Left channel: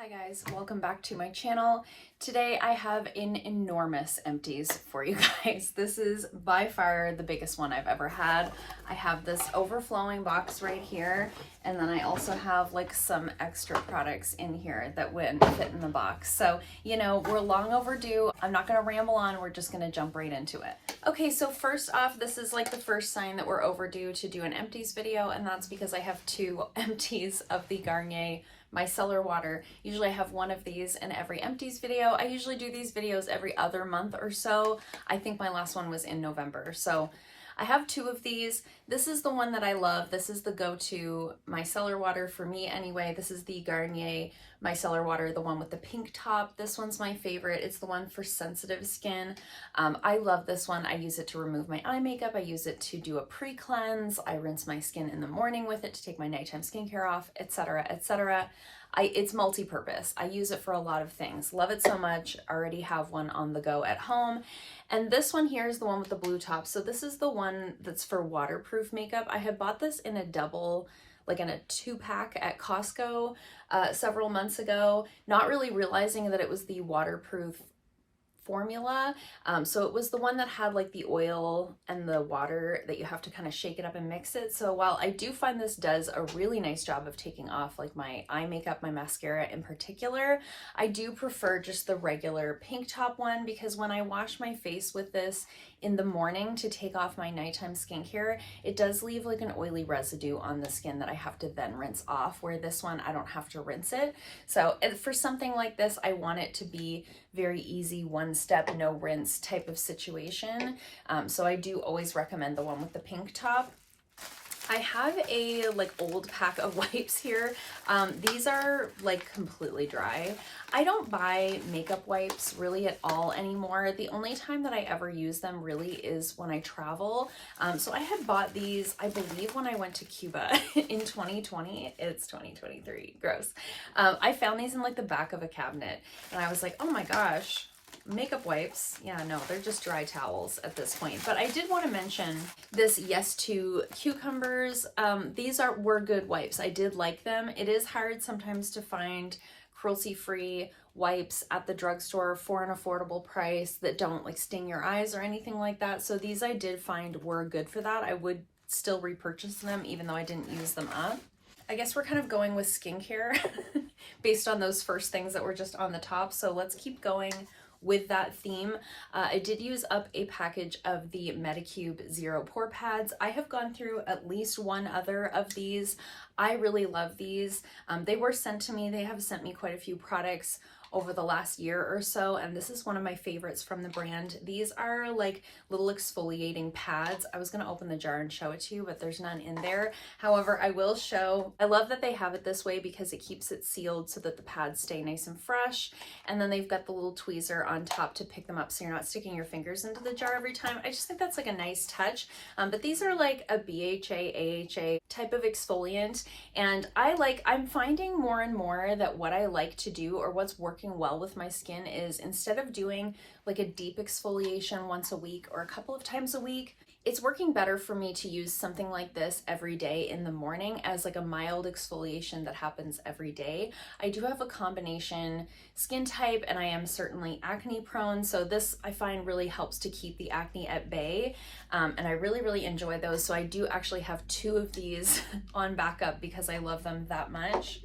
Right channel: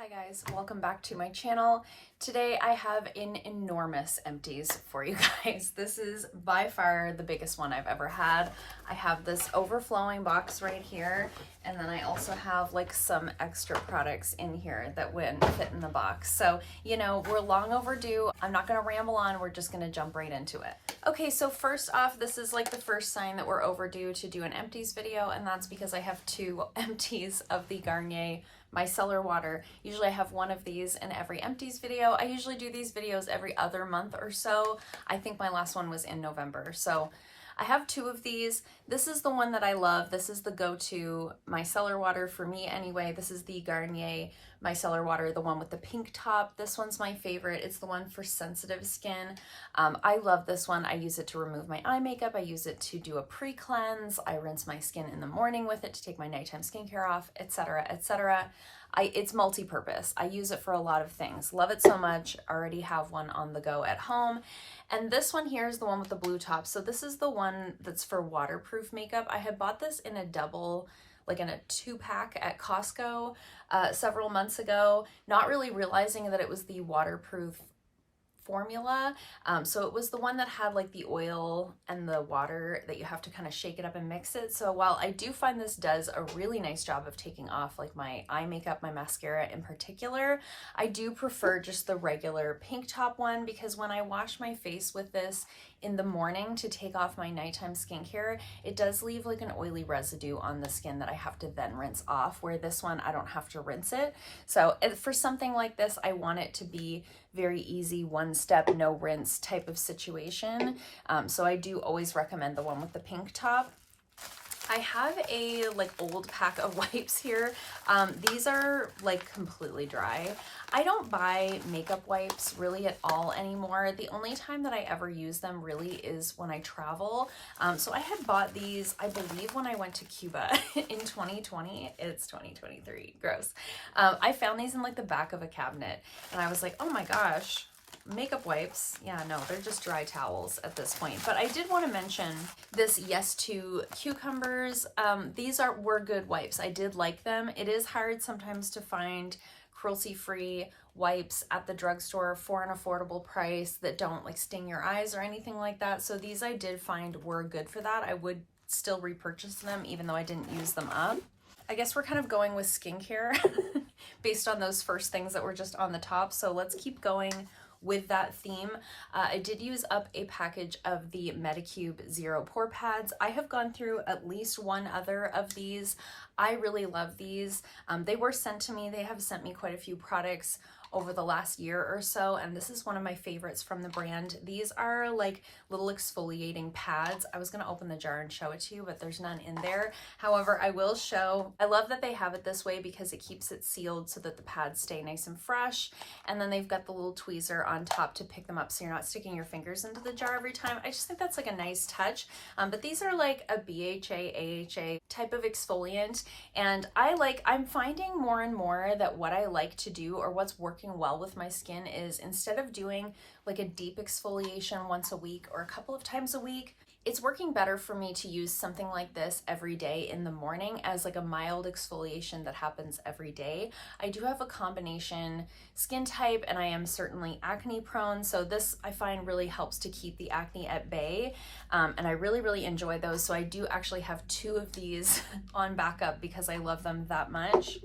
Hi guys, welcome back to my channel. Today I have an enormous Empties for you guys. This is by far the biggest one I've ever had. I have this overflowing box right here, and then I also have like some extra products in here that wouldn't fit in the box. So, you know, we're long overdue. I'm not gonna ramble on, we're just gonna jump right into it. Okay, so first off, this is like the first sign that we're overdue to do an Empties video, and that's because I have two Empties of the Garnier Micellar Water. Usually I have one of these in every Empties video. I usually do these videos every other month or so. I think my last one was in November. So I have two of these. This is the one that I love. This is the go-to micellar water for me anyway. This is the Garnier Micellar Water, the one with the pink top. This one's my favorite. It's the one for sensitive skin. I love this one. I use it to remove my eye makeup. I use it to do a pre-cleanse. I rinse my skin in the morning with it to take my nighttime skincare off, etc., etc. It's multi-purpose. I use it for a lot of things. Love it so much. Already have one on the go at home. And this one here is the one with the blue top. So this is the one that's for waterproof makeup. I had bought this in a double, like in a 2-pack at Costco several months ago, not really realizing that it was the waterproof formula. So it was the one that had like the oil and the water that you have to kind of shake it up and mix it. So while I do find this does a really nice job of taking off like my eye makeup, my mascara in particular, I do prefer just the regular pink top one, because when I wash my face with this in the morning to take off my nighttime skincare, it does leave like an oily residue on the skin that I have to then rinse off, where this one I don't have to rinse it. So for something like this, I want it to be very easy, one step, no rinse type of situation. So I do always recommend the one with the pink top. I have a like old pack of wipes here. These are like completely dry. I don't buy makeup wipes really at all anymore. The only time that I ever use them really is when I travel. So I had bought these, I believe, when I went to Cuba in 2020. It's 2023, gross. I found these in like the back of a cabinet, and I was like, oh my gosh, makeup wipes. Yeah, no, they're just dry towels at this point. But I did want to mention this Yes to cucumbers. These were good wipes. I did like them. It is hard sometimes to find cruelty-free wipes at the drugstore for an affordable price that don't like sting your eyes or anything like that. So these I did find were good for that. I would still repurchase them even though I didn't use them up. I guess we're kind of going with skincare based on those first things that were just on the top. So let's keep going with that theme. I did use up a package of the Medicube Zero Pore Pads. I have gone through at least one other of these. I really love these. They were sent to me. They have sent me quite a few products over the last year or so, and this is one of my favorites from the brand. These are like little exfoliating pads. I was gonna open the jar and show it to you, but there's none in there. However, I will show, I love that they have it this way because it keeps it sealed so that the pads stay nice and fresh. And then they've got the little tweezer on top to pick them up so you're not sticking your fingers into the jar every time. I just think that's like a nice touch. But these are like a BHA, AHA type of exfoliant. And I'm finding more and more that what I like to do, or what's working well with my skin, is instead of doing like a deep exfoliation once a week or a couple of times a week, it's working better for me to use something like this every day in the morning as like a mild exfoliation that happens every day. I do have a combination skin type, and I am certainly acne prone, so this I find really helps to keep the acne at bay. And I really, really enjoy those. So I do actually have two of these on backup because I love them that much.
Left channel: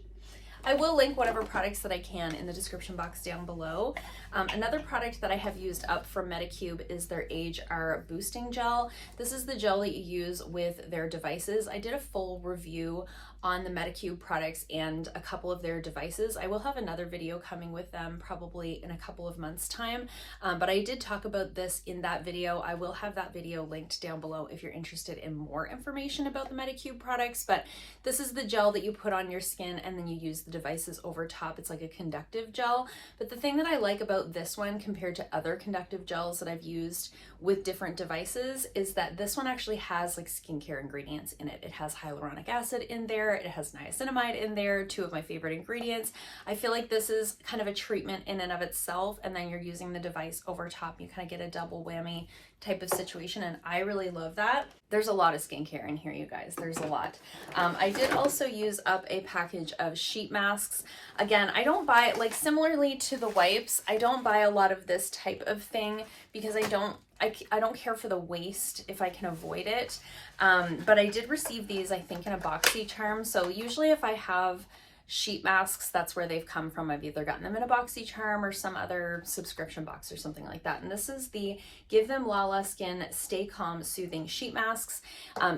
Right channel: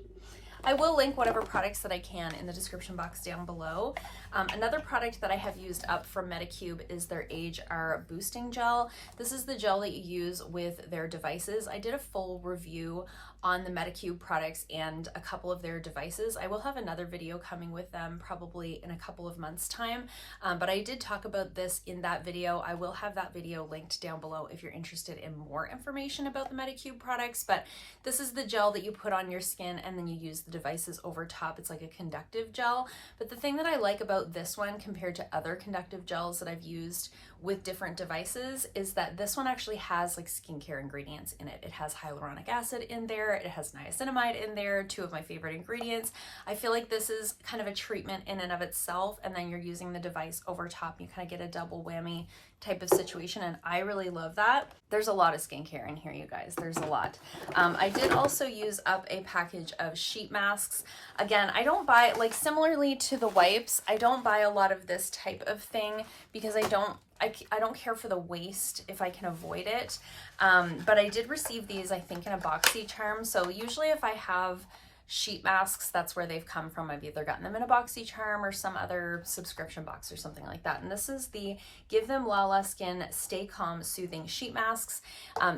I will link whatever products that I can in the description box down below. Another product that I have used up from Medicube is their Age R Boosting Gel. This is the gel that you use with their devices. I did a full review on the Medicube products and a couple of their devices. I will have another video coming with them probably in a couple of months' time, but I did talk about this in that video. I will have that video linked down below if you're interested in more information about the Medicube products. But this is the gel that you put on your skin and then you use the devices over top. It's like a conductive gel. But the thing that I like about this one compared to other conductive gels that I've used with different devices is that this one actually has like skincare ingredients in it. It has hyaluronic acid in there. there. It has niacinamide in there, two of my favorite ingredients. I feel like this is kind of a treatment in and of itself, and then you're using the device over top. You kind of get a double whammy type of situation, and I really love that. There's a lot of skincare in here, you guys. There's a lot. I did also use up a package of sheet masks. Again, I don't buy, like similarly to the wipes, I don't buy a lot of this type of thing because I don't care for the waste if I can avoid it. But I did receive these, I think, in a boxy charm. So usually if I have sheet masks, that's where they've come from. I've either gotten them in a boxy charm or some other subscription box or something like that. And this is the Give Them LaLa Skin Stay Calm Soothing Sheet Masks.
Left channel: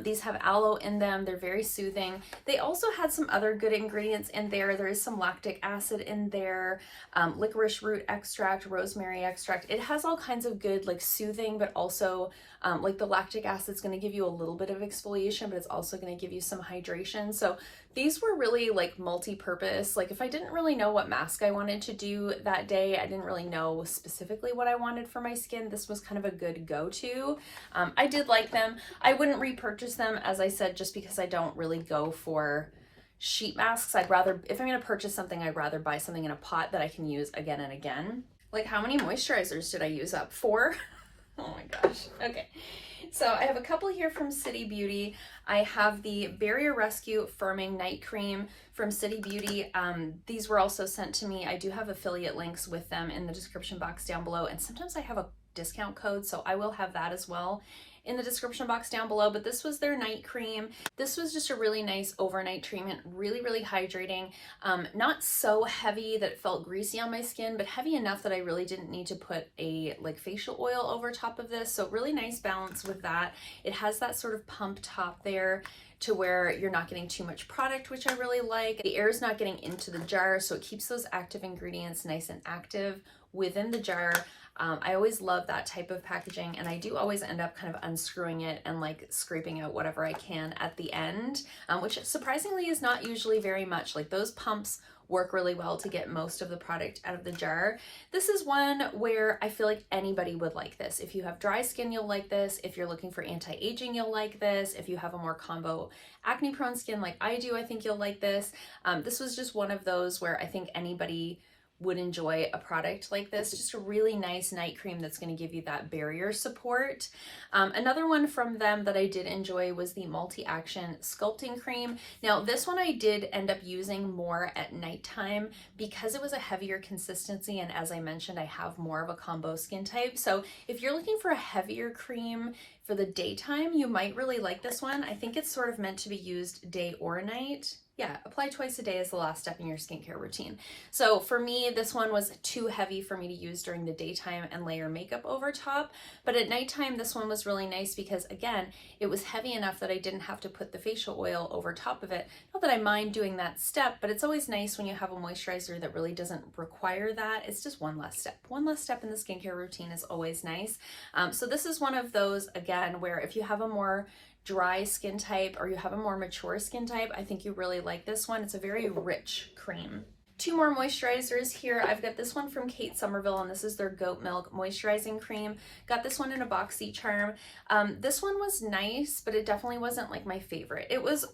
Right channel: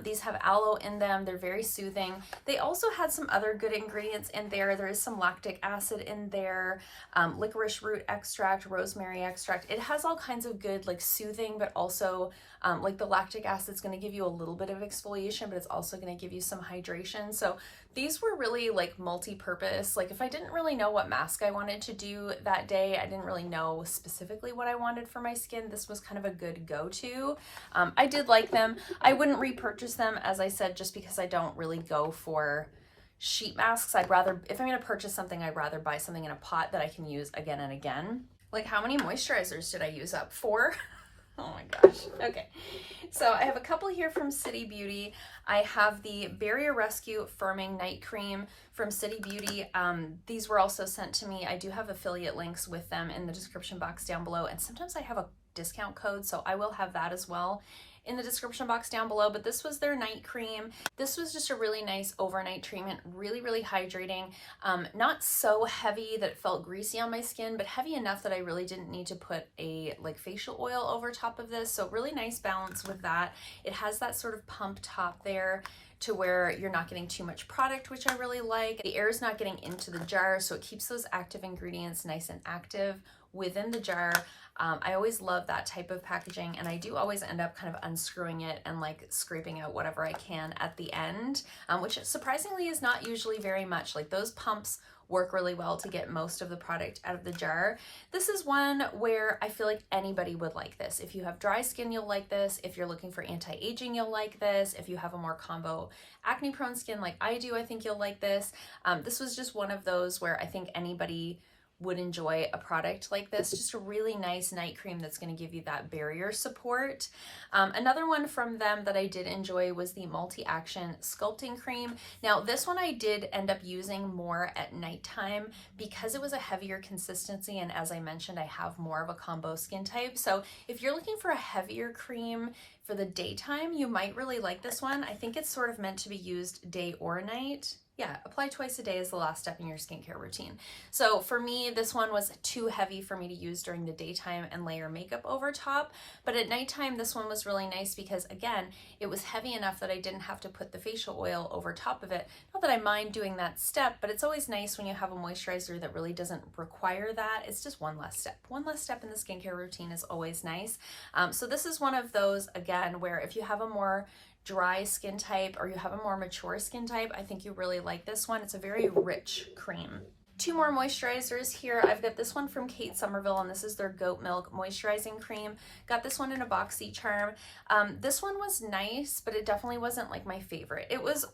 These have aloe in them. They're very soothing. They also had some other good ingredients in there. There is some lactic acid in there, licorice root extract, rosemary extract. It has all kinds of good, like soothing, but also like the lactic acid is going to give you a little bit of exfoliation, but it's also going to give you some hydration. So these were really like multi-purpose. Like if I didn't really know what mask I wanted to do that day, I didn't really know specifically what I wanted for my skin, this was kind of a good go-to. I did like them. I wouldn't repurchase them, as I said, just because I don't really go for sheet masks. I'd rather, if I'm going to purchase something, I'd rather buy something in a pot that I can use again and again. Like how many moisturizers did I use up? 4? Oh my gosh. Okay. So I have a couple here from City Beauty. I have the Barrier Rescue Firming Night Cream from City Beauty. These were also sent to me. I do have affiliate links with them in the description box down below. And sometimes I have a discount code, so I will have that as well in the description box down below. But this was their night cream. This was just a really nice overnight treatment, really, really hydrating. Not so heavy that it felt greasy on my skin, but heavy enough that I really didn't need to put a like facial oil over top of this. So really nice balance with that. It has that sort of pump top there to where you're not getting too much product, which I really like. The air is not getting into the jar, so it keeps those active ingredients nice and active within the jar. I always love that type of packaging, and I do always end up kind of unscrewing it and like scraping out whatever I can at the end, which surprisingly is not usually very much. Like those pumps work really well to get most of the product out of the jar. This is one where I feel like anybody would like this. If you have dry skin, you'll like this. If you're looking for anti-aging, you'll like this. If you have a more combo acne prone skin like I do, I think you'll like this. This was just one of those where I think anybody would enjoy a product like this. Just a really nice night cream that's going to give you that barrier support. Another one from them that I did enjoy was the Multi-Action Sculpting Cream. Now this one I did end up using more at nighttime because it was a heavier consistency, and as I mentioned, I have more of a combo skin type. So if you're looking for a heavier cream for the daytime, you might really like this one. I think it's sort of meant to be used day or night. Yeah, apply twice a day is the last step in your skincare routine. So for me, this one was too heavy for me to use during the daytime and layer makeup over top. But at nighttime, this one was really nice because, again, it was heavy enough that I didn't have to put the facial oil over top of it. Not that I mind doing that step, but it's always nice when you have a moisturizer that really doesn't require that. It's just one less step. One less step in the skincare routine is always nice. So this is one of those, again, where if you have a more dry skin type or you have a more mature skin type, I think you really like this one. It's a very rich cream. 2 more moisturizers here. I've got this one from Kate Somerville, and this is their Goat Milk Moisturizing Cream. Got this one in a boxy charm. This one was nice, but it definitely wasn't like my favorite. It was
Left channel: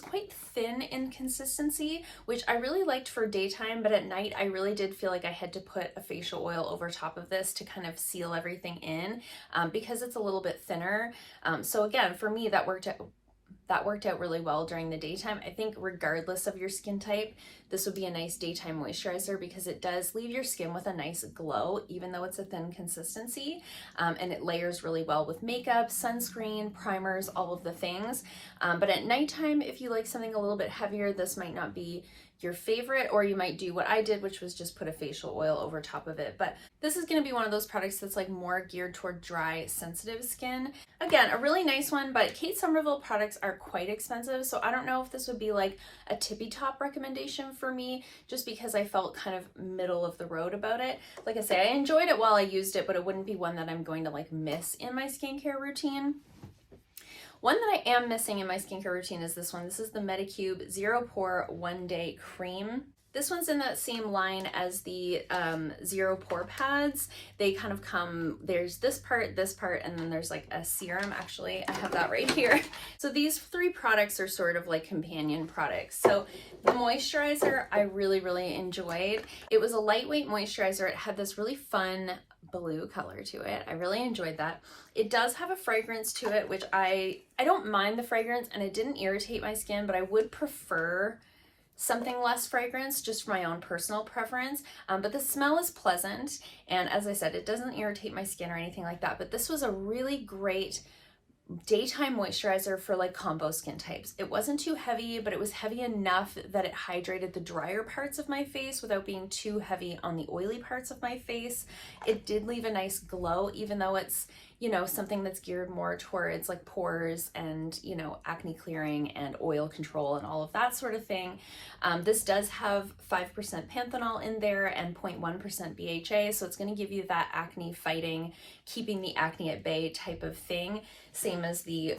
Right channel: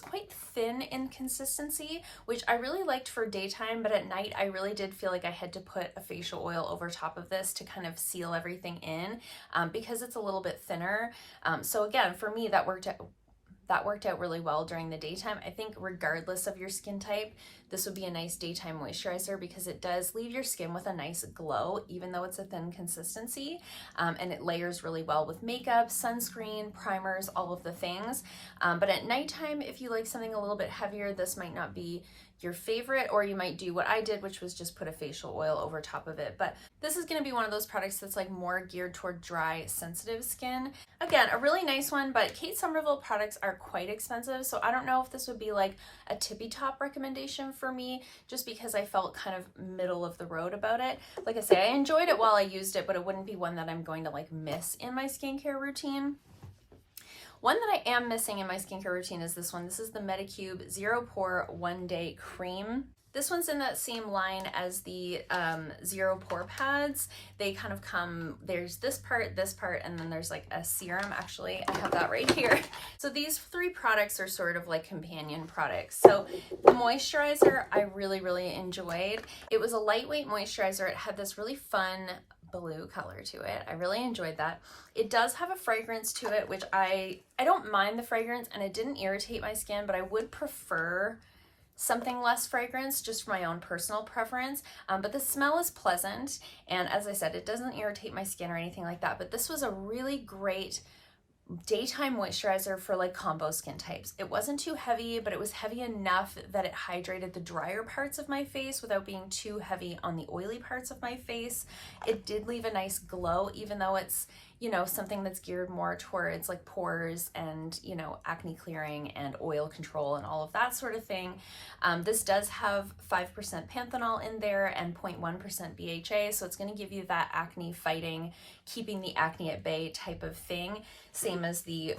quite thin in consistency, which I really liked for daytime, but at night I really did feel like I had to put a facial oil over top of this to kind of seal everything in, because it's a little bit thinner. So again, for me, that worked out really well during the daytime. I think regardless of your skin type, this would be a nice daytime moisturizer because it does leave your skin with a nice glow, even though it's a thin consistency, and it layers really well with makeup, sunscreen, primers, all of the things. But at nighttime, if you like something a little bit heavier, this might not be your favorite, or you might do what I did, which was just put a facial oil over top of it. But this is going to be one of those products that's like more geared toward dry, sensitive skin. Again, a really nice one, but Kate Somerville products are quite expensive, so I don't know if this would be like a tippy top recommendation for me, just because I felt kind of middle of the road about it. Like I say, I enjoyed it while I used it, but it wouldn't be one that I'm going to like miss in my skincare routine. One that I am missing in my skincare routine is this one. This is the Medicube Zero Pore One Day Cream. This one's in that same line as the Zero Pore pads. They kind of come, there's this part, and then there's like a serum. Actually, I have that right here. So these 3 products are sort of like companion products. So the moisturizer I really, really enjoyed. It was a lightweight moisturizer. It had this really fun blue color to it. I really enjoyed that. It does have a fragrance to it, which I don't mind the fragrance, and it didn't irritate my skin, but I would prefer something less fragrance just for my own personal preference. But the smell is pleasant, and as I said, it doesn't irritate my skin or anything like that. But this was a really great daytime moisturizer for like combo skin types. It wasn't too heavy, but it was heavy enough that it hydrated the drier parts of my face without being too heavy on the oily parts of my face. It did leave a nice glow, even though it's, you know, something that's geared more towards like pores and, you know, acne clearing and oil control and all of that sort of thing. This does have 5% panthenol in there and 0.1% BHA, so it's going to give you that acne fighting, keeping the acne at bay type of thing, same as the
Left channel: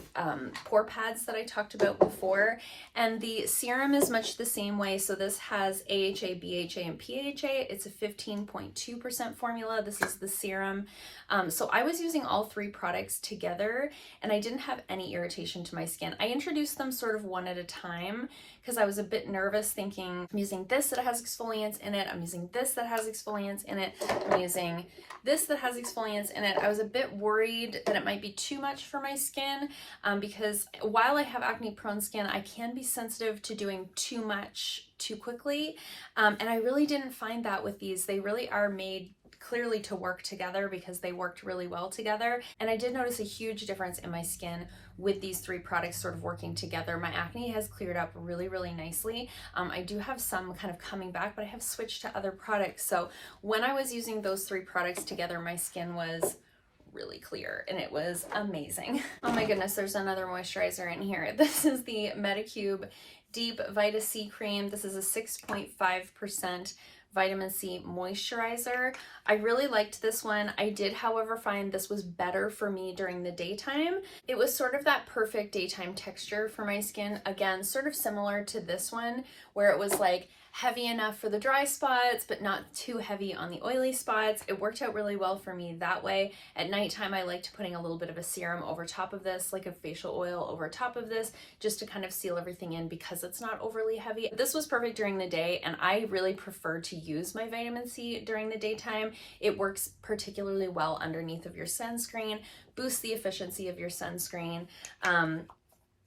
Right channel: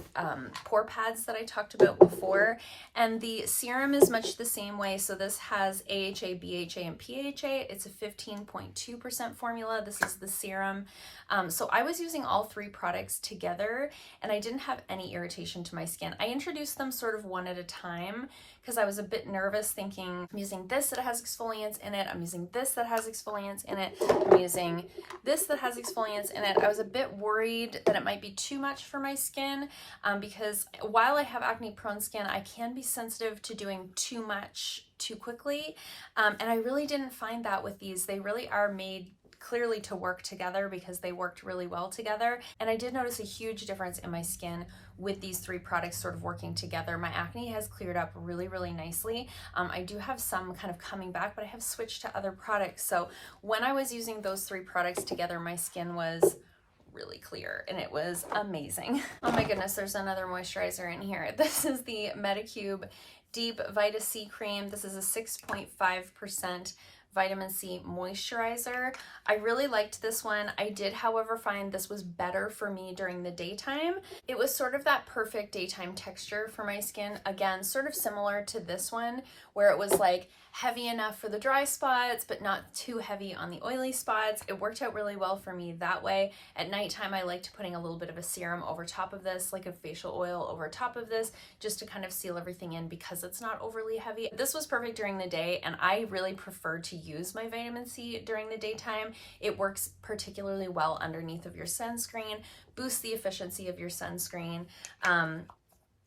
pore pads that I talked about before. And the serum is much the same way. So this has AHA, BHA, and PHA. It's a 15.2% formula. This is the serum. So I was using all 3 products together, and I didn't have any irritation to my skin. I introduced them sort of one at a time because I was a bit nervous, thinking I'm using this that has exfoliants in it, I'm using this that has exfoliants in it, I'm using this that has exfoliants in it. I was a bit worried that it might be too much for my skin because while I have acne prone skin, I can be sensitive to doing too much too quickly. And I really didn't find that with these. They really are made clearly to work together because they worked really well together. And I did notice a huge difference in my skin with these 3 products sort of working together. My acne has cleared up really, really nicely. I do have some kind of coming back, but I have switched to other products. So when I was using those 3 products together, my skin was really clear and it was amazing. Oh my goodness, there's another moisturizer in here. This is the Medicube Deep Vita C Cream. This is a 6.5% vitamin C moisturizer. I really liked this one. I did, however, find this was better for me during the daytime. It was sort of that perfect daytime texture for my skin. Again, sort of similar to this one, where it was like heavy enough for the dry spots, but not too heavy on the oily spots. It worked out really well for me that way. At nighttime, I liked putting a little bit of a serum over top of this, like a facial oil over top of this, just to kind of seal everything in because it's not overly heavy. This was perfect during the day, and I really prefer to use my vitamin C during the daytime. It works particularly well underneath of your sunscreen, boosts the efficiency of your sunscreen,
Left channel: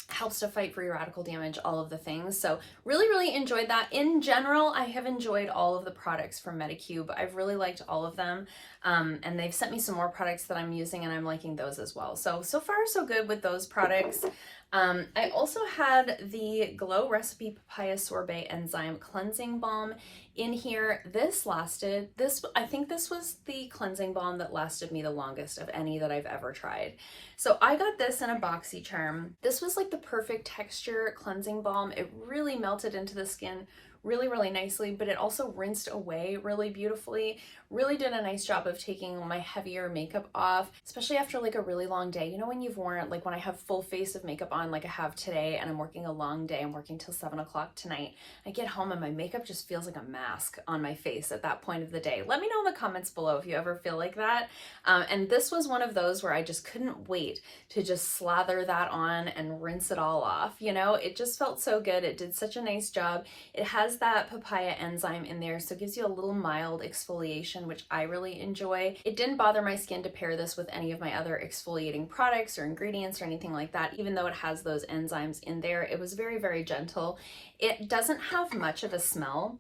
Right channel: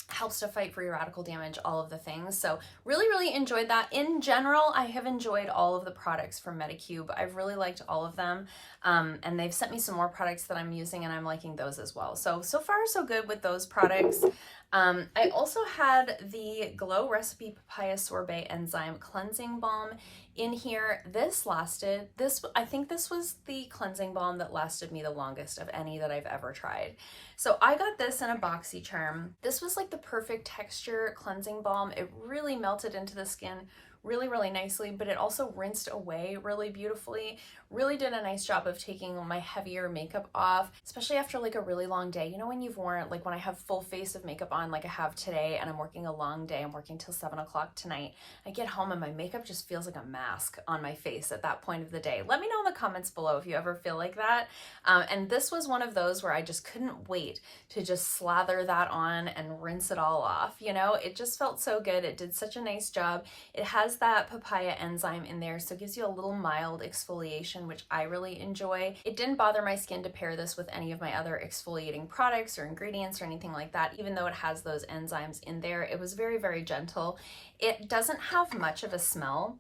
helps to fight free radical damage, all of the things. So really, really enjoyed that. In general, I have enjoyed all of the products from Medicube. I've really liked all of them. And they've sent me some more products that I'm using, and I'm liking those as well. So far so good with those products. I also had the Glow Recipe Papaya Sorbet Enzyme Cleansing Balm in here. I think this was the cleansing balm that lasted me the longest of any that I've ever tried. So I got this in a BoxyCharm. This was like the perfect texture cleansing balm. It really melted into the skin really, really nicely, but it also rinsed away really beautifully. Really did a nice job of taking my heavier makeup off, especially after like a really long day. You know, when you've worn, like when I have full face of makeup on like I have today, and I'm working a long day, I'm working till 7 o'clock tonight, I get home and my makeup just feels like a mask on my face at that point of the day. Let me know in the comments below if you ever feel like that. And this was one of those where I just couldn't wait to just slather that on and rinse it all off. You know, it just felt so good. It did such a nice job. It has that papaya enzyme in there, so it gives you a little mild exfoliation, which I really enjoy. It didn't bother my skin to pair this with any of my other exfoliating products or ingredients or anything like that. Even though it has those enzymes in there, it was very, very gentle. It doesn't have much of a smell,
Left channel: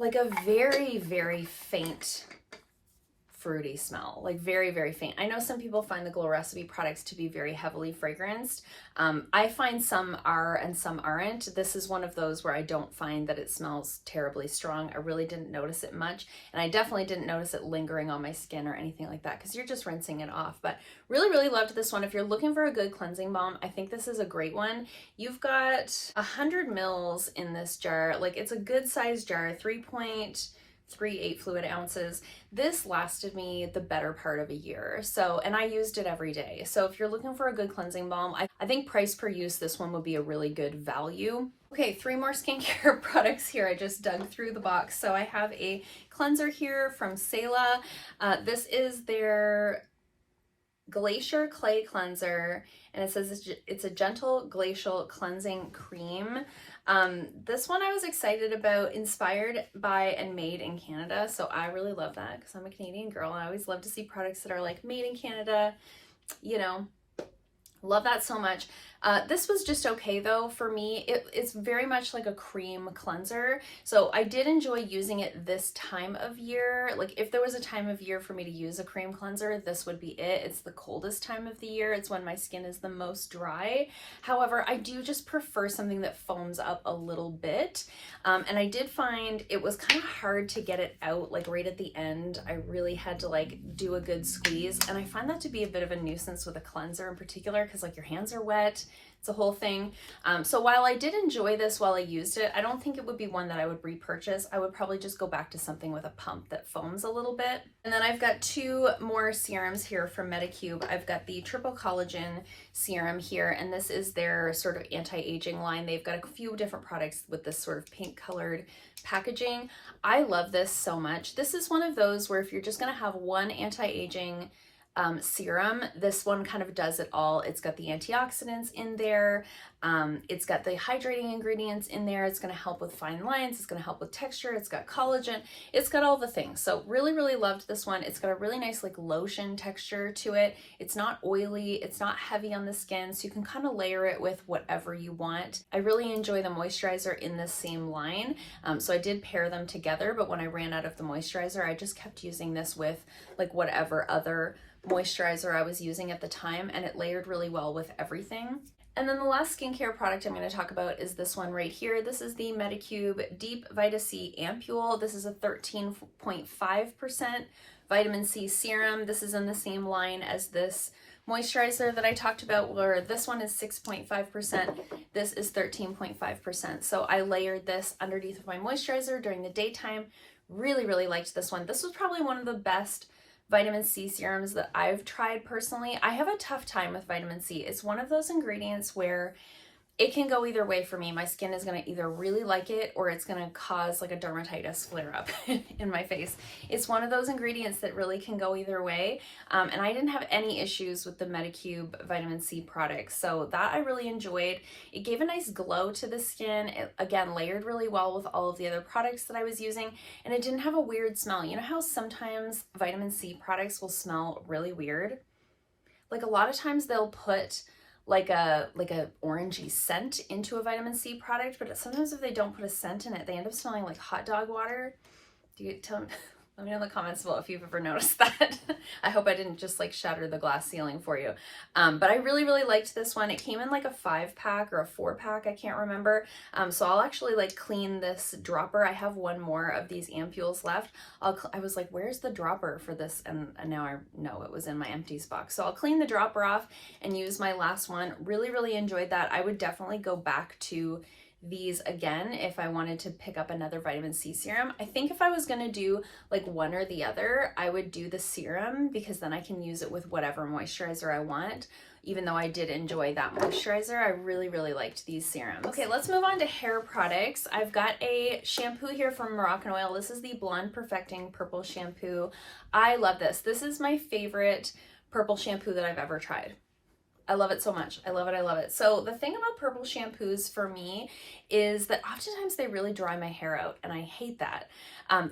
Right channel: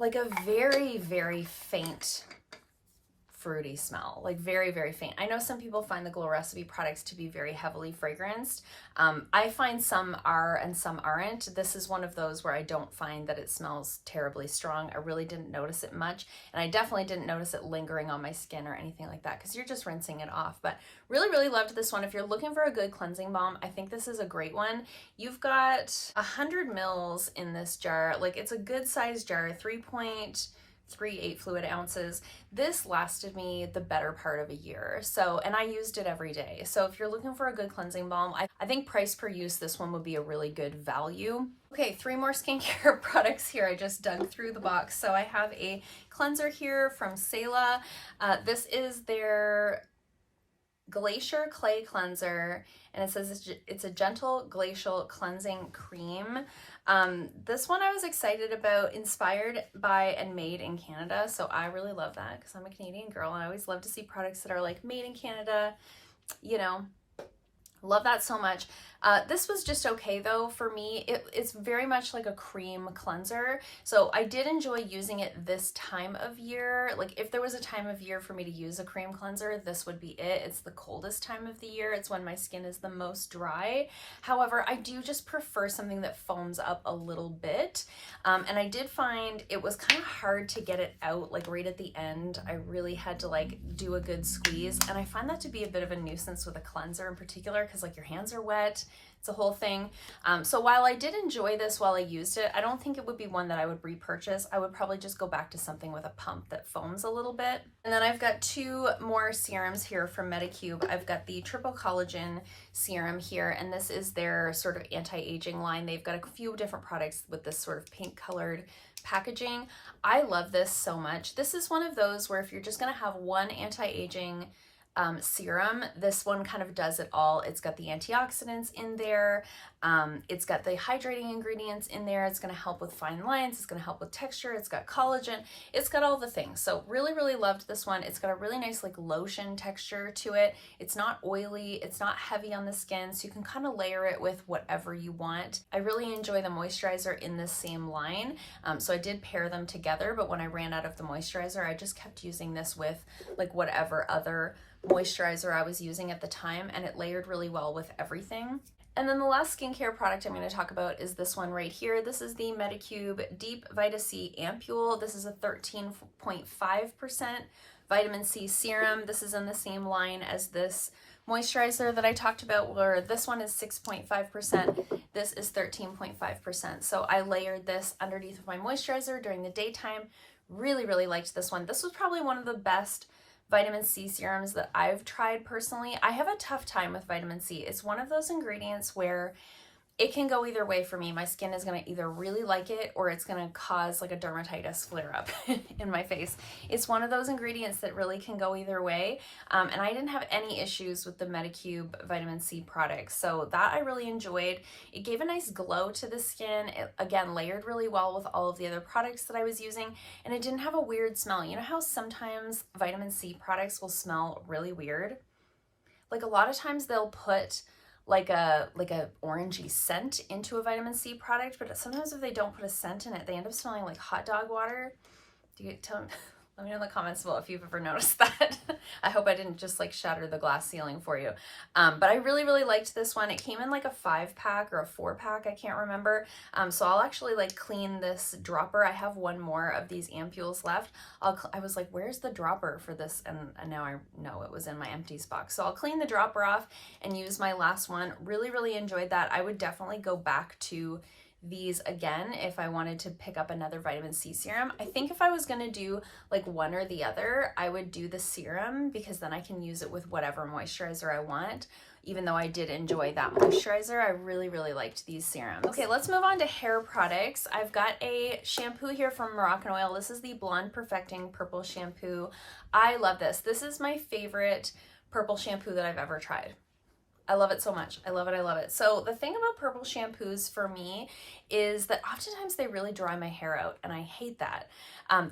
like a very, very faint fruity smell, like very, very faint. I know some people find the Glow Recipe products to be very heavily fragranced. I find some are and some aren't. This is one of those where I don't find that it smells terribly strong. I really didn't notice it much, and I definitely didn't notice it lingering on my skin or anything like that because you're just rinsing it off. But really, really loved this one. If you're looking for a good cleansing balm, I think this is a great one. You've got 100 mils in this jar. Like, it's a good size jar, 3.3 3 8 fluid ounces. This lasted me the better part of a year. So, and I used it every day. So if you're looking for a good cleansing balm, I think price per use, this one would be a really good value. Okay, 3 more skincare products here. I just dug through the box. So I have a cleanser here from Cela. This is their Glacier Clay Cleanser, and it says it's a gentle glacial cleansing cream. This one I was excited about, inspired by and made in Canada. So I really love that because I'm a Canadian girl and I always love to see products that are like made in Canada, you know, love that so much. This was just okay though for me. It's very much like a cream cleanser. So I did enjoy using it this time of year. Like if there was a time of year for me to use a cream cleanser, this would be it. It's the coldest time of the year. It's when my skin is the most dry. However, I do just prefer something that foams up a little bit. And I did find it was kind of hard to get it out like right at the end. I really had to like do a good squeeze. And I find that to be a bit of a nuisance with a cleanser in particular because like your hands are wet. It's a whole thing. So while I did enjoy this while I used it, I don't think it would be one that I would repurchase. I would probably just go back to something with a pump that foams a little bit. And then I've got 2 more serums here from Medicube. I've got the Triple Collagen serum here, and this is their sort of anti-aging line. They've got a few different products with this sort of pink colored packaging. I love this so much. This is one of those where if you're just gonna have one anti-aging serum, this one kind of does it all. It's got the antioxidants in there. It's got the hydrating ingredients in there. It's going to help with fine lines. It's going to help with texture. It's got collagen. It's got all the things. So really, really loved this one. It's got a really nice like lotion texture to it. It's not oily. It's not heavy on the skin. So you can kind of layer it with whatever you want. I really enjoy the moisturizer in this same line. So I did pair them together, but when I ran out of the moisturizer, I just kept using this with like whatever other moisturizer I was using at the time, and it layered really well with everything. And then the last skincare product I'm going to talk about is this one right here. This is the Medicube Deep Vita C Ampoule. This is a 13.5% vitamin C serum. This is in the same line as this moisturizer that I talked about, where this one is 6.5%. This is 13.5%. So I layered this underneath of my moisturizer during the daytime. Really, really liked this one. This was probably one of the best vitamin C serums that I've tried personally. I have a tough time with vitamin C. It's one of those ingredients where it can go either way for me. My skin is going to either really like it or it's going to cause like a dermatitis flare up in my face. It's one of those ingredients that really can go either way. And I didn't have any issues with the Medicube vitamin C products. So that I really enjoyed. It gave a nice glow to the skin. It again layered really well with all of the other products that I was using, and it didn't have a weird smell. You know how sometimes vitamin C products will smell really weird? Like a lot of times they'll put like a orangey scent into a vitamin C product, but sometimes if they don't put a scent in it, they end up smelling like hot dog water. Let me know in the comments below if you've ever noticed that. I hope I didn't just like shatter the glass ceiling for you. But I really, really liked this one. It came in like a 5-pack or a 4-pack, I can't remember. So I'll actually like clean this dropper. I have one more of these ampules left. I was like, where's the dropper for this? And now I know it was in my Empties box. So I'll clean the dropper off and use my last one. Really, really enjoyed that. I would definitely go back to these again if I wanted to pick up another vitamin C serum. I think if I was gonna do like one or the other, I would do the serum because then I can use it with whatever moisturizer I want. Even though I did enjoy that moisturizer, I really, really liked these serums. Okay, let's move on to hair products. I've got a shampoo here from Moroccan-Oil. This is the Blonde Perfecting Purple Shampoo. I love this. This is my favorite purple shampoo that I've ever tried. I love it so much. I love it. I love it. So the thing about purple shampoos for me is that oftentimes they really dry my hair out, and I hate that.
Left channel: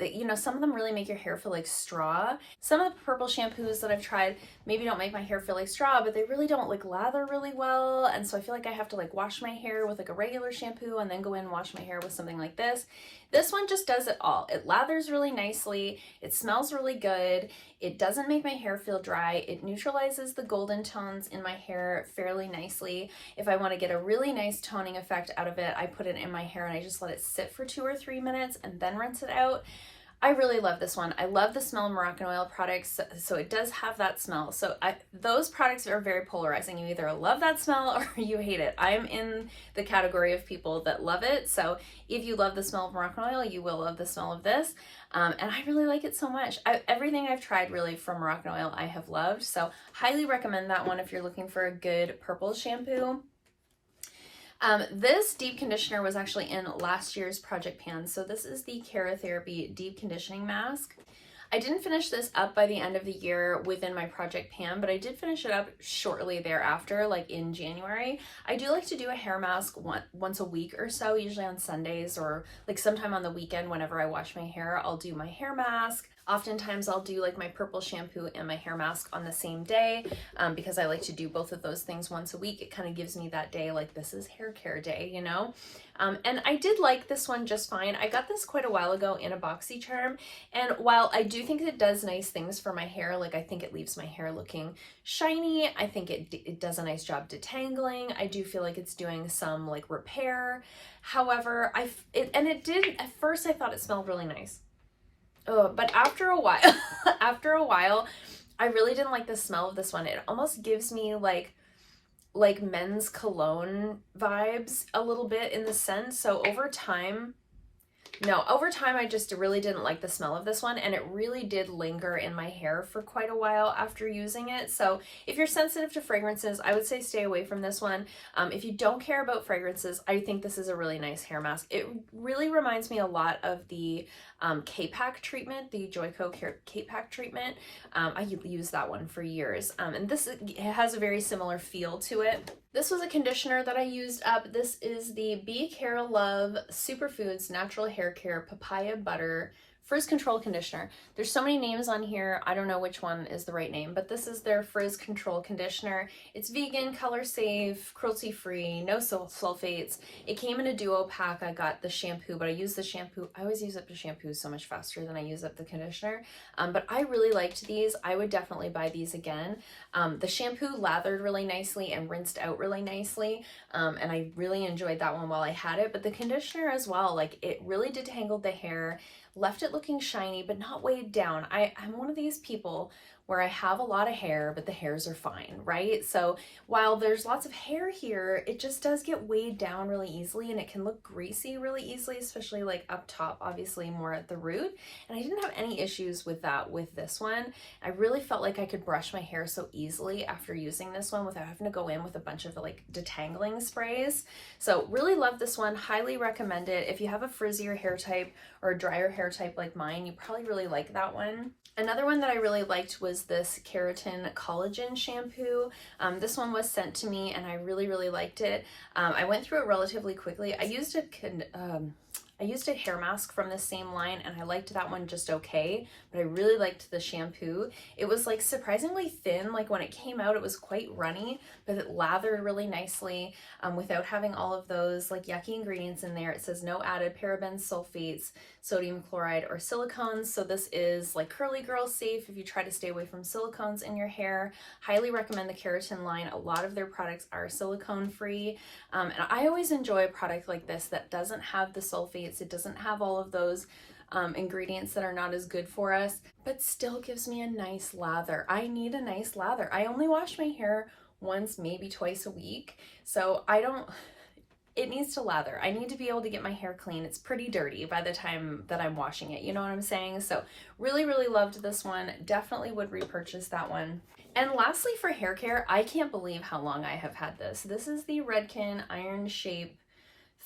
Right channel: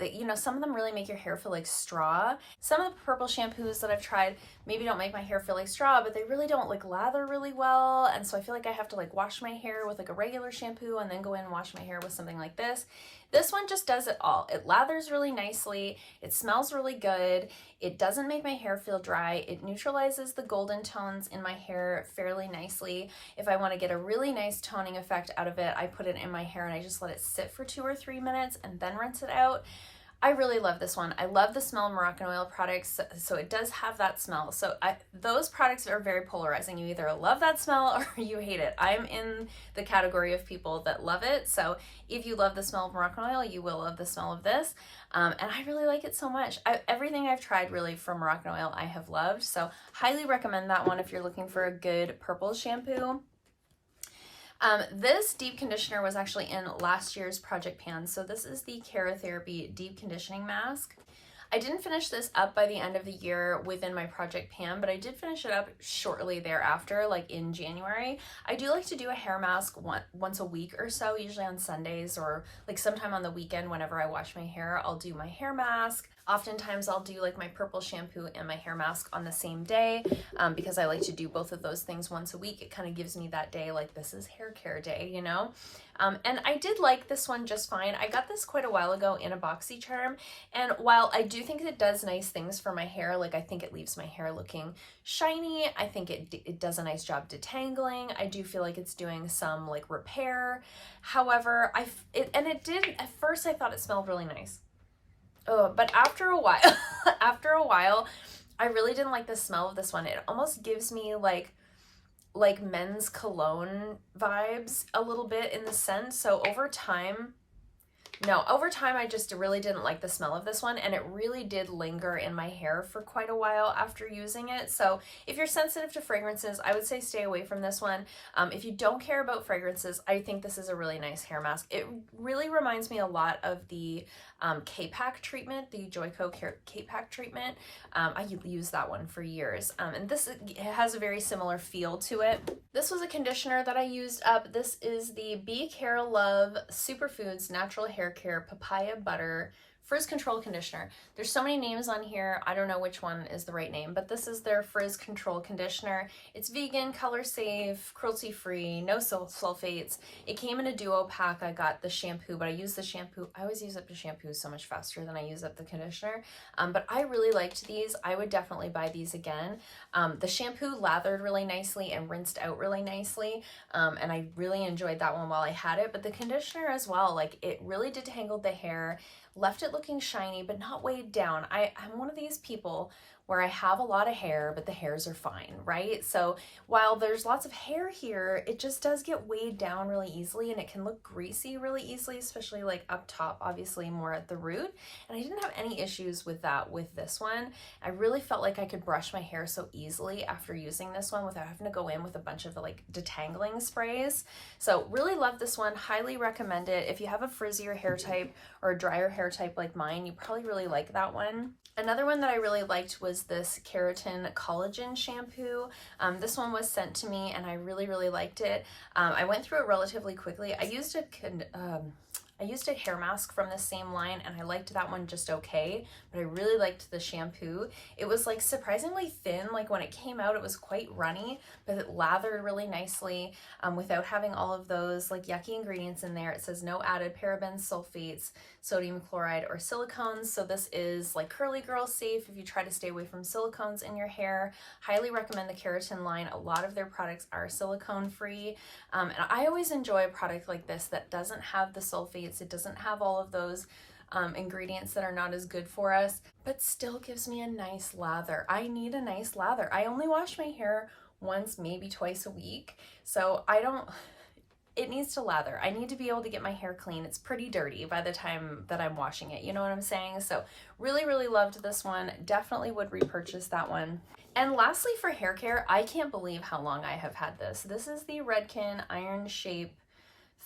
You know, some of them really make your hair feel like straw. Some of the purple shampoos that I've tried maybe don't make my hair feel like straw, but they really don't like lather really well. And so I feel like I have to like wash my hair with like a regular shampoo and then go in and wash my hair with something like this. This one just does it all. It lathers really nicely. It smells really good. It doesn't make my hair feel dry. It neutralizes the golden tones in my hair fairly nicely. If I want to get a really nice toning effect out of it, I put it in my hair and I just let it sit for 2 or 3 minutes and then rinse it out. I really love this one. I love the smell of Moroccan-Oil products, so it does have that smell. So those products are very polarizing. You either love that smell or you hate it. I'm in the category of people that love it. So if you love the smell of Moroccan-Oil, you will love the smell of this. and I really like it so much. Everything I've tried really from Moroccan I have loved, so highly recommend that one if you're looking for a good purple shampoo. This deep conditioner was actually in last year's project pan, so this is the Keratherapy Deep Conditioning Mask. I didn't finish this up by the end of the year within my project pan, but I did finish it up shortly thereafter, like in January. I do like to do a hair mask once a week or so, usually on Sundays or like sometime on the weekend whenever I wash my hair, I'll do my hair mask. Oftentimes I'll do like my purple shampoo and my hair mask on the same day because I like to do both of those things once a week. It kind of gives me that day, like this is hair care day, you know? And I did like this one just fine. I got this quite a while ago in a BoxyCharm, and while I do think it does nice things for my hair, like I think it leaves my hair looking shiny, I think it does a nice job detangling, I do feel like it's doing some like repair. However, it did, at first I thought it smelled really nice. But after a while, I really didn't like the smell of this one. It almost gives me like men's cologne vibes a little bit in the scent. So over time I just really didn't like the smell of this one, and it really did linger in my hair for quite a while after using it. So if you're sensitive to fragrances, I would say stay away from this one. If you don't care about fragrances, I think this is a really nice hair mask. It really reminds me a lot of the K-Pack treatment, the Joico K-Pack treatment. I used that one for years, and this has a very similar feel to it. This was a conditioner that I used up. This is the Be Care Love Superfoods Natural Hair Care Papaya Butter Frizz Control Conditioner. There's so many names on here, I don't know which one is the right name, but this is their Frizz Control Conditioner. It's vegan, color safe, cruelty free, no sulfates. It came in a duo pack. I got the shampoo, but I use the shampoo. I always use up the shampoo so much faster than I use up the conditioner. But I really liked these. I would definitely buy these again. The shampoo lathered really nicely and rinsed out really nicely. And I really enjoyed that one while I had it, but the conditioner as well, like it really detangled the hair, left it looking shiny, but not weighed down. I'm one of these people where I have a lot of hair, but the hairs are fine, right? So while there's lots of hair here, it just does get weighed down really easily, and it can look greasy really easily, especially like up top, obviously more at the root. And I didn't have any issues with that with this one. I really felt like I could brush my hair so easily after using this one without having to go in with a bunch of like detangling sprays. So really love this one, highly recommend it. If you have a frizzier hair type or a drier hair type like mine, you probably really like that one. Another one that I really liked was this Keratin Collagen shampoo. This one was sent to me and I really, really liked it. I went through it relatively quickly. I used a hair mask from the same line and I liked that one just okay, but I really liked the shampoo. It was like surprisingly thin. Like when it came out, it was quite runny, but it lathered really nicely without having all of those like yucky ingredients in there. It says no added parabens, sulfates, sodium chloride, or silicones. So this is like curly girl safe if you try to stay away from silicones in your hair. Highly recommend the Keratin line. A lot of their products are silicone free. And I always enjoy a product like this that doesn't have the sulfates. It doesn't have all of those ingredients that are not as good for us, but still gives me a nice lather. I need a nice lather. I only wash my hair once, maybe twice a week. So it needs to lather. I need to be able to get my hair clean. It's pretty dirty by the time that I'm washing it. You know what I'm saying? So really, really loved this one. Definitely would repurchase that one. And lastly, for hair care, I can't believe how long I have had this. This is the Redken Iron Shape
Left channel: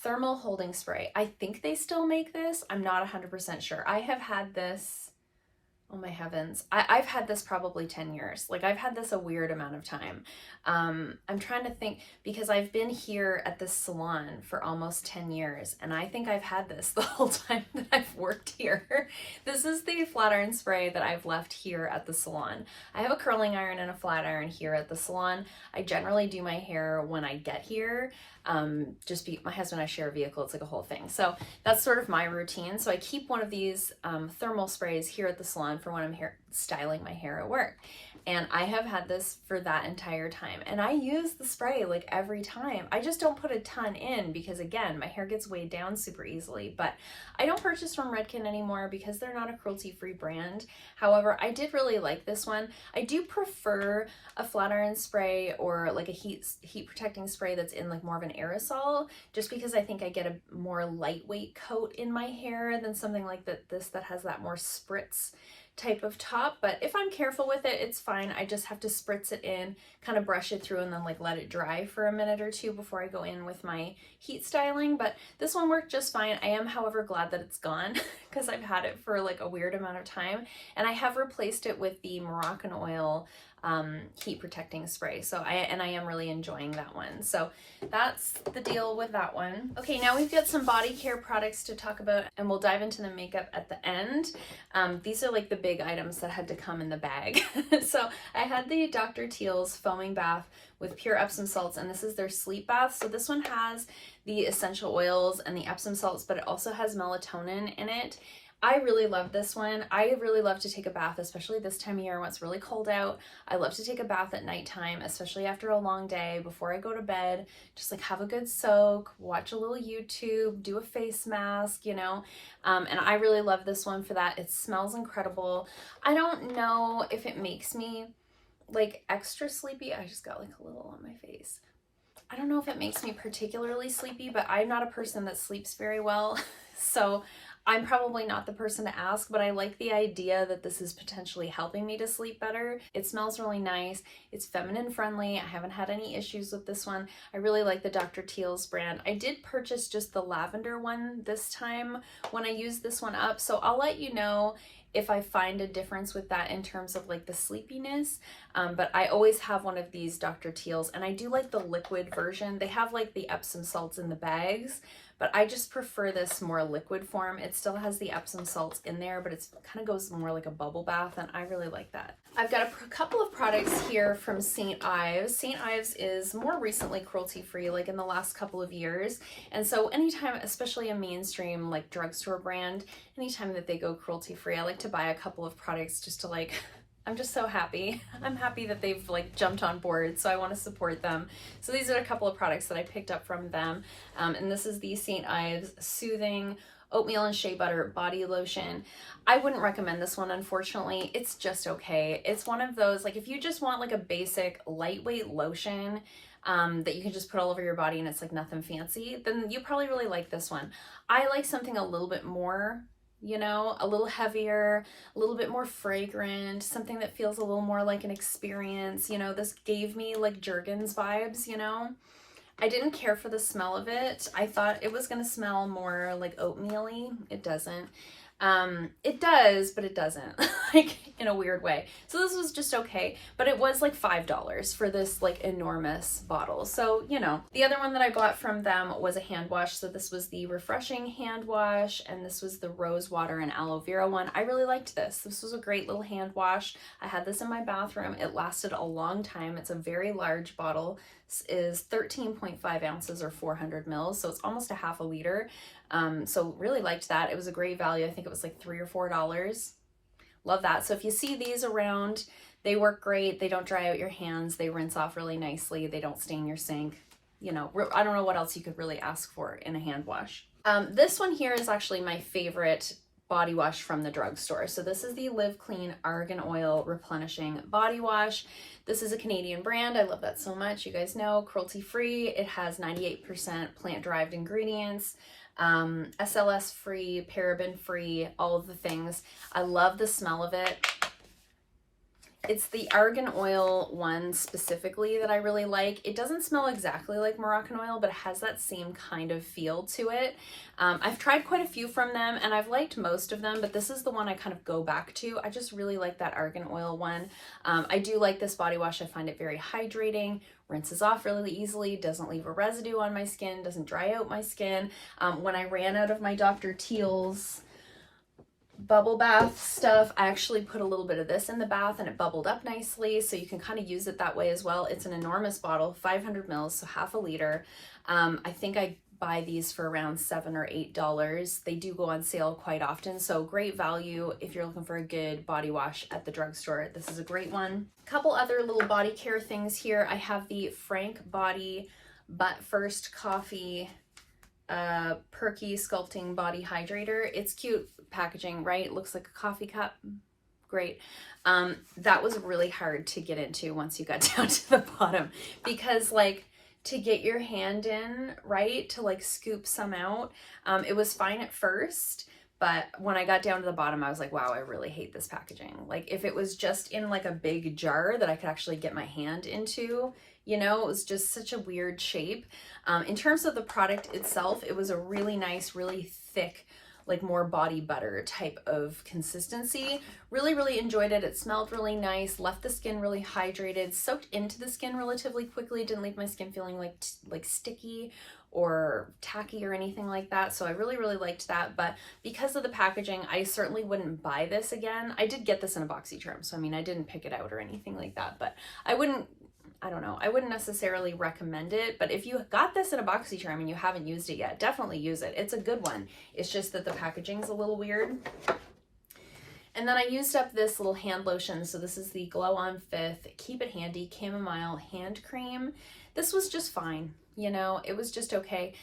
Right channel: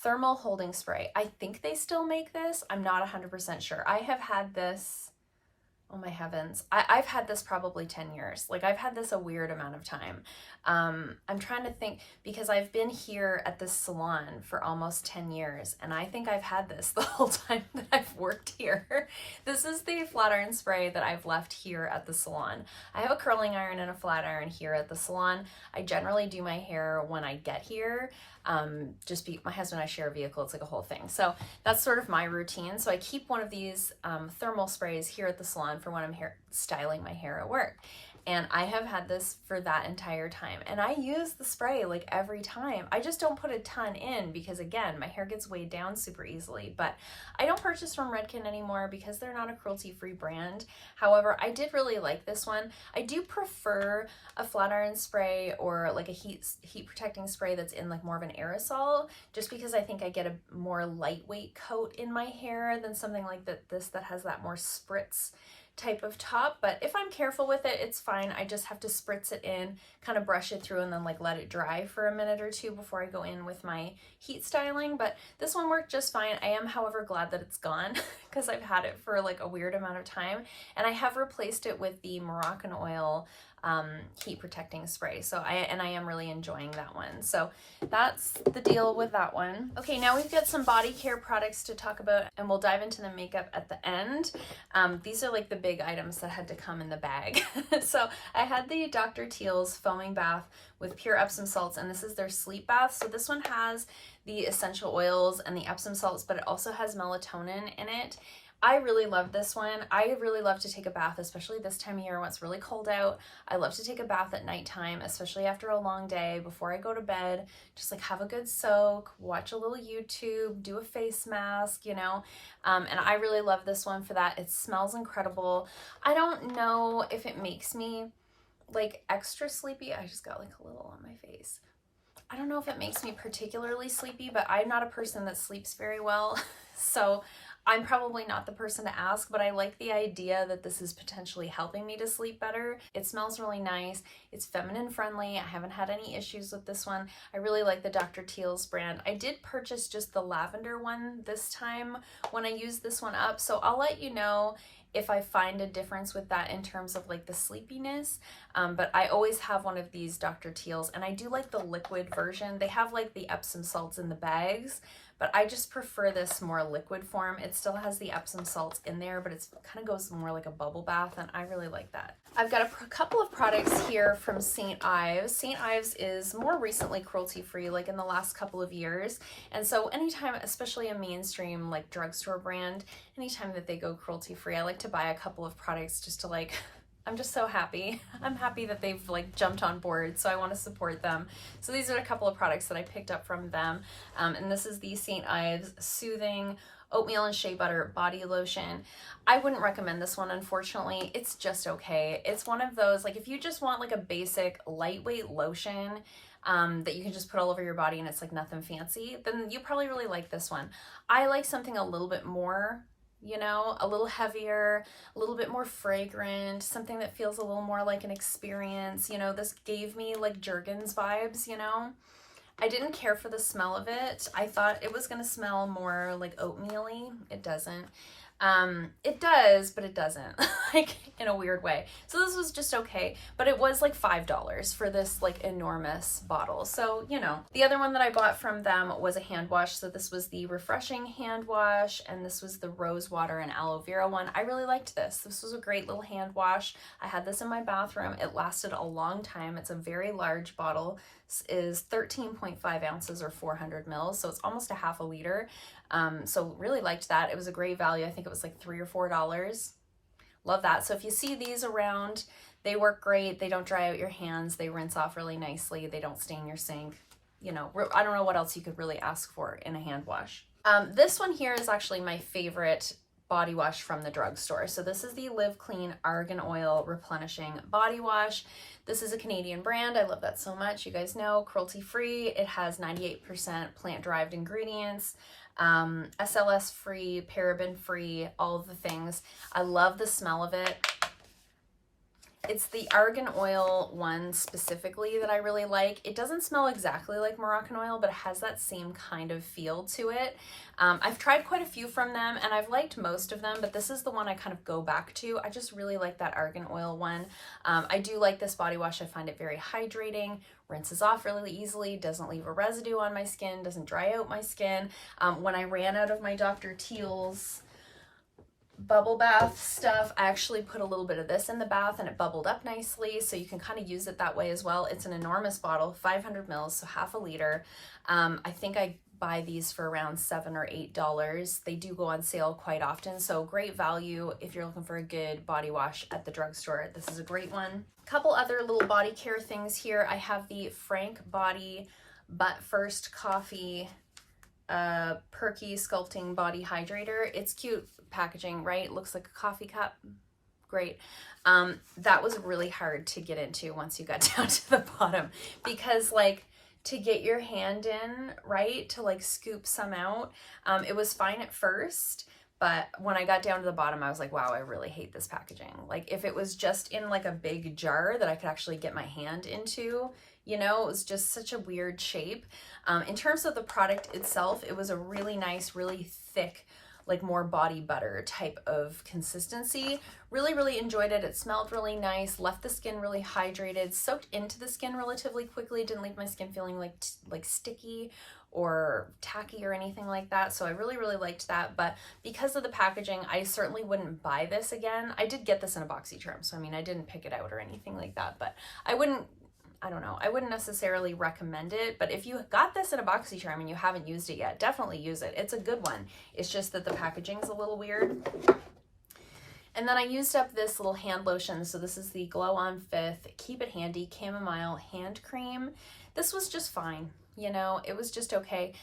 Thermal Holding Spray. I think they still make this. I'm not 100% sure. I have had this, oh my heavens, I've had this probably 10 years. Like I've had this a weird amount of time. I'm trying to think because I've been here at this salon for almost 10 years and I think I've had this the whole time that I've worked here. This is the flat iron spray that I've left here at the salon. I have a curling iron and a flat iron here at the salon. I generally do my hair when I get here. My husband and I share a vehicle. It's like a whole thing. So that's sort of my routine. So I keep one of these thermal sprays here at the salon for when I'm styling my hair at work. And I have had this for that entire time. And I use the spray like every time. I just don't put a ton in because, again, my hair gets weighed down super easily. But I don't purchase from Redken anymore because they're not a cruelty-free brand. However, I did really like this one. I do prefer a flat iron spray or like a heat protecting spray that's in like more of an aerosol, just because I think I get a more lightweight coat in my hair than something like this that has that more spritz type of top. But if I'm careful with it, it's fine. I just have to spritz it in, kind of brush it through, and then like let it dry for a minute or two before I go in with my heat styling. But this one worked just fine. I am, however, glad that it's gone because I've had it for like a weird amount of time, and I have replaced it with the Moroccan oil heat protecting spray. So I am really enjoying that one. So that's the deal with that one. Okay, now we've got some body care products to talk about, and we'll dive into the makeup at the end. These are like the big items that had to come in the bag. So I had the Dr. Teals foaming bath with pure Epsom salts, and this is their sleep bath. So this one has the essential oils and the Epsom salts, but it also has melatonin in it. I really love this one. I really love to take a bath, especially this time of year when it's really cold out. I love to take a bath at nighttime, especially after a long day, before I go to bed. Just like have a good soak, watch a little YouTube, do a face mask, you know. And I really love this one for that. It smells incredible. I don't know if it makes me like extra sleepy. I just got like a little on my face. I don't know if it makes me particularly sleepy, but I'm not a person that sleeps very well. So I'm probably not the person to ask, but I like the idea that this is potentially helping me to sleep better. It smells really nice. It's feminine friendly. I haven't had any issues with this one. I really like the Dr. Teals brand. I did purchase just the lavender one this time when I used this one up, so I'll let you know if I find a difference with that in terms of like the sleepiness. But I always have one of these Dr. Teals, and I do like the liquid version. They have like the Epsom salts in the bags, but I just prefer this more liquid form. It still has the Epsom salts in there, but it's kind of goes more like a bubble bath, and I really like that. I've got a couple of products here from St. Ives. St. Ives is more recently cruelty-free, like in the last couple of years. And so anytime, especially a mainstream like drugstore brand, anytime that they go cruelty-free, I like to buy a couple of products just to like, I'm just so happy. I'm happy that they've like jumped on board, so I want to support them. So these are a couple of products that I picked up from them. And this is the St. Ives Soothing Oatmeal and Shea Butter Body Lotion. I wouldn't recommend this one, unfortunately. It's just okay. It's one of those, like if you just want like a basic lightweight lotion that you can just put all over your body and it's like nothing fancy, then you probably really like this one. I like something a little bit more, you know, a little heavier, a little bit more fragrant, something that feels a little more like an experience. You know, this gave me like Jergens vibes, you know. I didn't care for the smell of it. I thought it was gonna smell more like oatmeal-y. It doesn't. It does, but it doesn't, like in a weird way. So this was just okay, but it was like $5 for this like enormous bottle. So, you know, the other one that I bought from them was a hand wash. So this was the Refreshing hand wash, and this was the rose water and aloe vera one. I really liked this. This was a great little hand wash. I had this in my bathroom. It lasted a long time. It's a very large bottle. This is 13.5 ounces or 400 mils. So it's almost a half a liter. So really liked that. It was a great value. I think it was like $3 or $4. Love that. So if you see these around, they work great. They don't dry out your hands. They rinse off really nicely. They don't stain your sink. You know, I don't know what else you could really ask for in a hand wash. This one here is actually my favorite body wash from the drugstore. So this is the Live Clean Argan Oil Replenishing Body Wash. This is a Canadian brand. I love that so much. You guys know, cruelty-free. It has 98% plant-derived ingredients. SLS free, paraben free, all of the things. I love the smell of it. It's the argan oil one specifically that I really like. It doesn't smell exactly like Moroccan oil, but it has that same kind of feel to it. I've tried quite a few from them and I've liked most of them, but this is the one I kind of go back to. I just really like that argan oil one. I do like this body wash. I find it very hydrating, rinses off really easily, doesn't leave a residue on my skin, doesn't dry out my skin. When I ran out of my Dr. Teals bubble bath stuff, I actually put a little bit of this in the bath and it bubbled up nicely, so you can kind of use it that way as well. It's an enormous bottle, 500 mils, so half a liter. I think I buy these for around $7 or $8. They do go on sale quite often, so great value if you're looking for a good body wash at the drugstore. This is a great one. A couple other little body care things here. I have the Frank Body But First Coffee Perky Sculpting Body Hydrator. It's cute packaging, right? Looks like a coffee cup. Great. That was really hard to get into once you got down to the bottom, because like to get your hand in, right, to like scoop some out, it was fine at first, but when I got down to the bottom, I was like, wow, I really hate this packaging. Like if it was just in like a big jar that I could actually get my hand into, you know, it was just such a weird shape. In terms of the product itself, it was a really nice, really thick, like more body butter type of consistency. Really enjoyed it. It smelled really nice, left the skin really hydrated, soaked into the skin relatively quickly, didn't leave my skin feeling like sticky or tacky or anything like that. So I really liked that. But because of the packaging, I certainly wouldn't buy this again. I did get this in a BoxyCharm, so I mean, I didn't pick it out or anything like that, but I wouldn't necessarily recommend it, but if you got this in a BoxyCharm and you haven't used it yet, definitely use it. It's a good one. It's just that the packaging's a little weird. And then I used up this little hand lotion. So this is the Glow On Fifth Keep It Handy Chamomile Hand Cream. This was just fine, you know, it was just okay.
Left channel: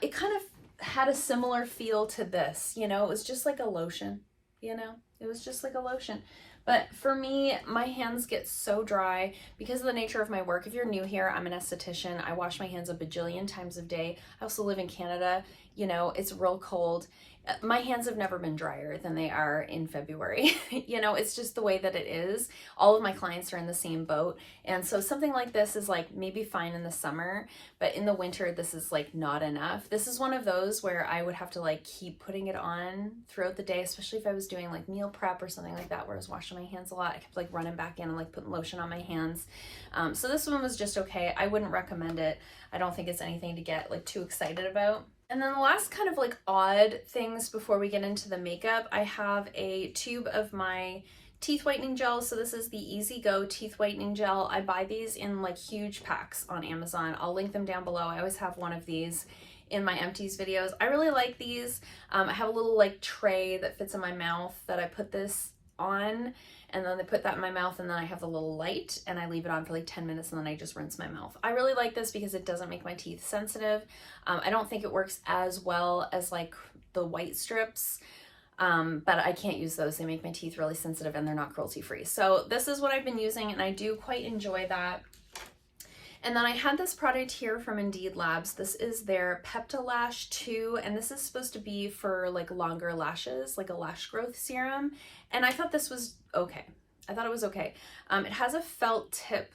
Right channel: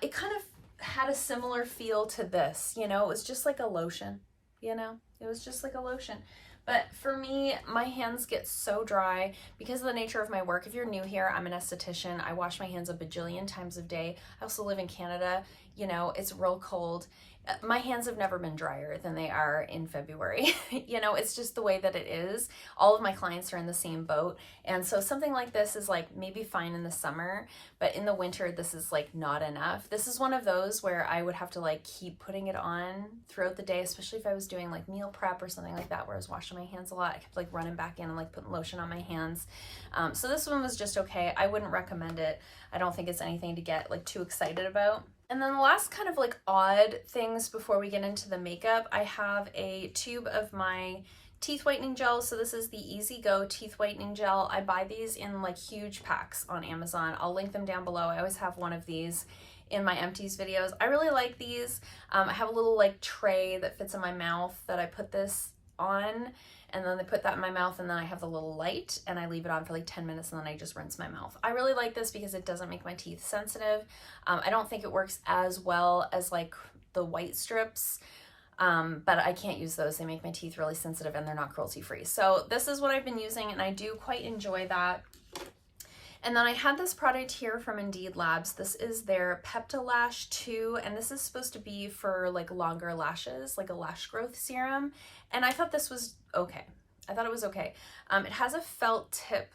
It kind of had a similar feel to this, you know, it was just like a lotion, you know, it was just like a lotion. But for me, my hands get so dry because of the nature of my work. If you're new here, I'm an esthetician. I wash my hands a bajillion times a day. I also live in Canada. You know, it's real cold. My hands have never been drier than they are in February. You know, it's just the way that it is. All of my clients are in the same boat. And so something like this is like maybe fine in the summer, but in the winter, this is like not enough. This is one of those where I would have to like keep putting it on throughout the day, especially if I was doing like meal prep or something like that, where I was washing my hands a lot. I kept like running back in and like putting lotion on my hands. So this one was just okay. I wouldn't recommend it. I don't think it's anything to get like too excited about. And then the last kind of like odd things before we get into the makeup, I have a tube of my teeth whitening gel. So this is the Easy Go teeth whitening gel. I buy these in like huge packs on Amazon. I'll link them down below. I always have one of these in my Empties videos. I really like these. I have a little like tray that fits in my mouth that I put this on, and then I put that in my mouth, and then I have the little light and I leave it on for like 10 minutes and then I just rinse my mouth. I really like this because it doesn't make my teeth sensitive. I don't think it works as well as like the white strips, but I can't use those. They make my teeth really sensitive and they're not cruelty free. So this is what I've been using and I do quite enjoy that. And then I had this product here from Indeed Labs. This is their Peptalash 2, and this is supposed to be for like longer lashes, like a lash growth serum. And I thought this was okay. I thought it was okay. It has a felt tip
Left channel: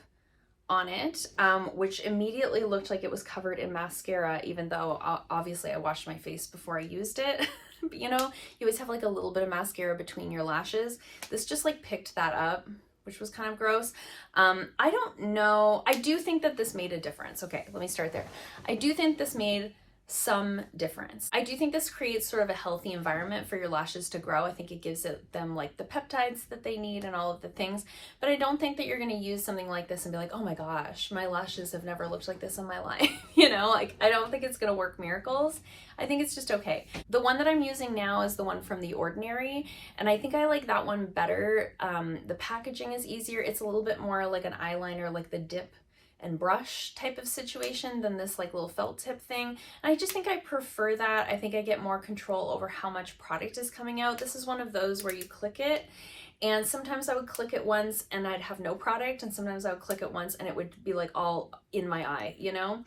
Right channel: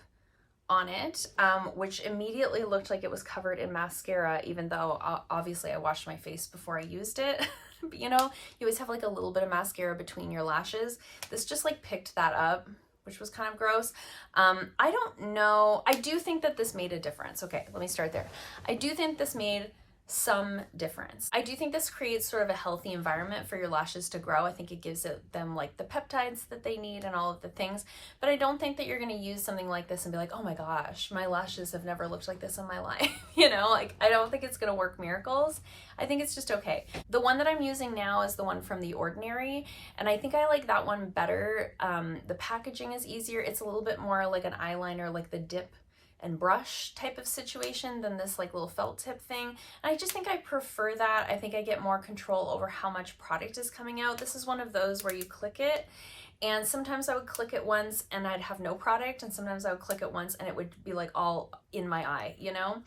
on it, which immediately looked like it was covered in mascara, even though obviously I washed my face before I used it. But, you know, you always have like a little bit of mascara between your lashes. This just like picked that up, which was kind of gross. I don't know. I do think that this made a difference. Okay, let me start there. I do think this made some difference. I do think this creates sort of a healthy environment for your lashes to grow. I think it gives them like the peptides that they need and all of the things, but I don't think that you're going to use something like this and be like, oh my gosh, my lashes have never looked like this in my life. You know, like I don't think it's going to work miracles. I think it's just okay. The one that I'm using now is the one from The Ordinary, and I think I like that one better. The packaging is easier. It's a little bit more like an eyeliner, like the dip and brush type of situation than this like little felt tip thing. And I just think I prefer that. I think I get more control over how much product is coming out. This is one of those where you click it, and sometimes I would click it once and I'd have no product, and sometimes I would click it once and it would be like all in my eye, you know?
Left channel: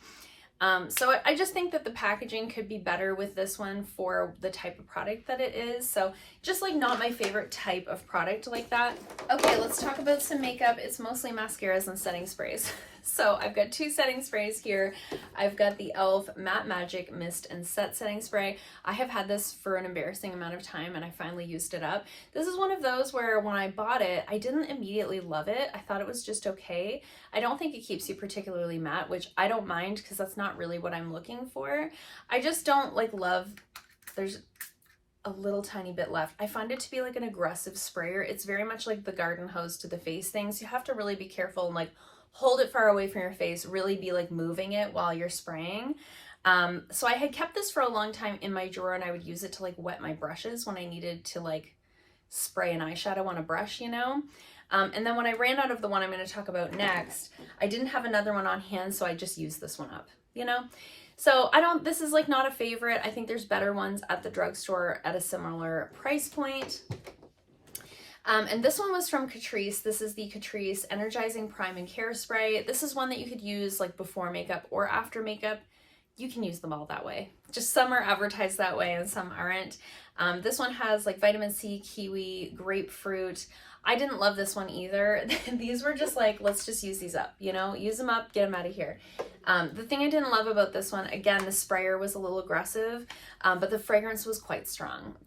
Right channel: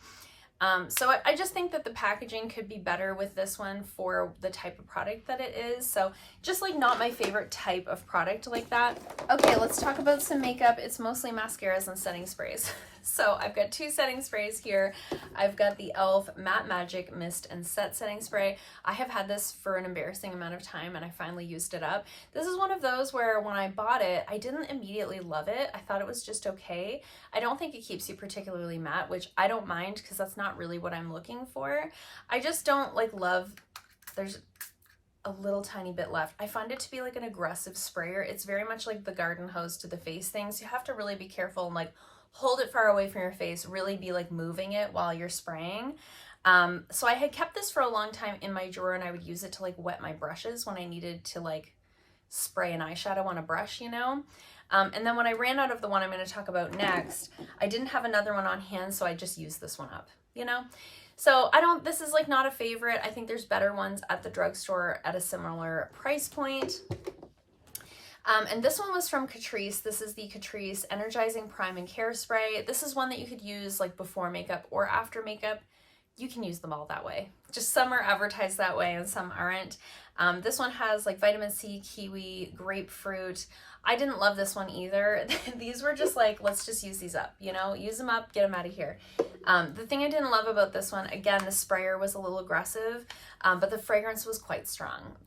So I just think that the packaging could be better with this one for the type of product that it is. So just like not my favorite type of product like that. Okay, let's talk about some makeup. It's mostly mascaras and setting sprays. So I've got two setting sprays here. I've got the e.l.f. Matte Magic Mist and Set Setting Spray. I have had this for an embarrassing amount of time and I finally used it up. This is one of those where when I bought it, I didn't immediately love it. I thought it was just okay. I don't think it keeps you particularly matte, which I don't mind because that's not really what I'm looking for. I just don't like love, there's a little tiny bit left. I find it to be like an aggressive sprayer. It's very much like the garden hose to the face things. You have to really be careful and like hold it far away from your face, really be like moving it while you're spraying. So I had kept this for a long time in my drawer, and I would use it to like wet my brushes when I needed to like spray an eyeshadow on a brush, you know? And then when I ran out of the one I'm going to talk about next, I didn't have another one on hand, so I just used this one up, you know? So this is like not a favorite. I think there's better ones at the drugstore at a similar price point. And this one was from Catrice. This is the Catrice Energizing Prime and Care Spray. This is one that you could use like before makeup or after makeup. You can use them all that way. Just some are advertised that way and some aren't. This one has like vitamin C, kiwi, grapefruit. I didn't love this one either. These were just like, let's just use these up, you know, use them up, get them out of here. The thing I didn't love about this one, again, the sprayer was a little aggressive, but the fragrance was quite strong.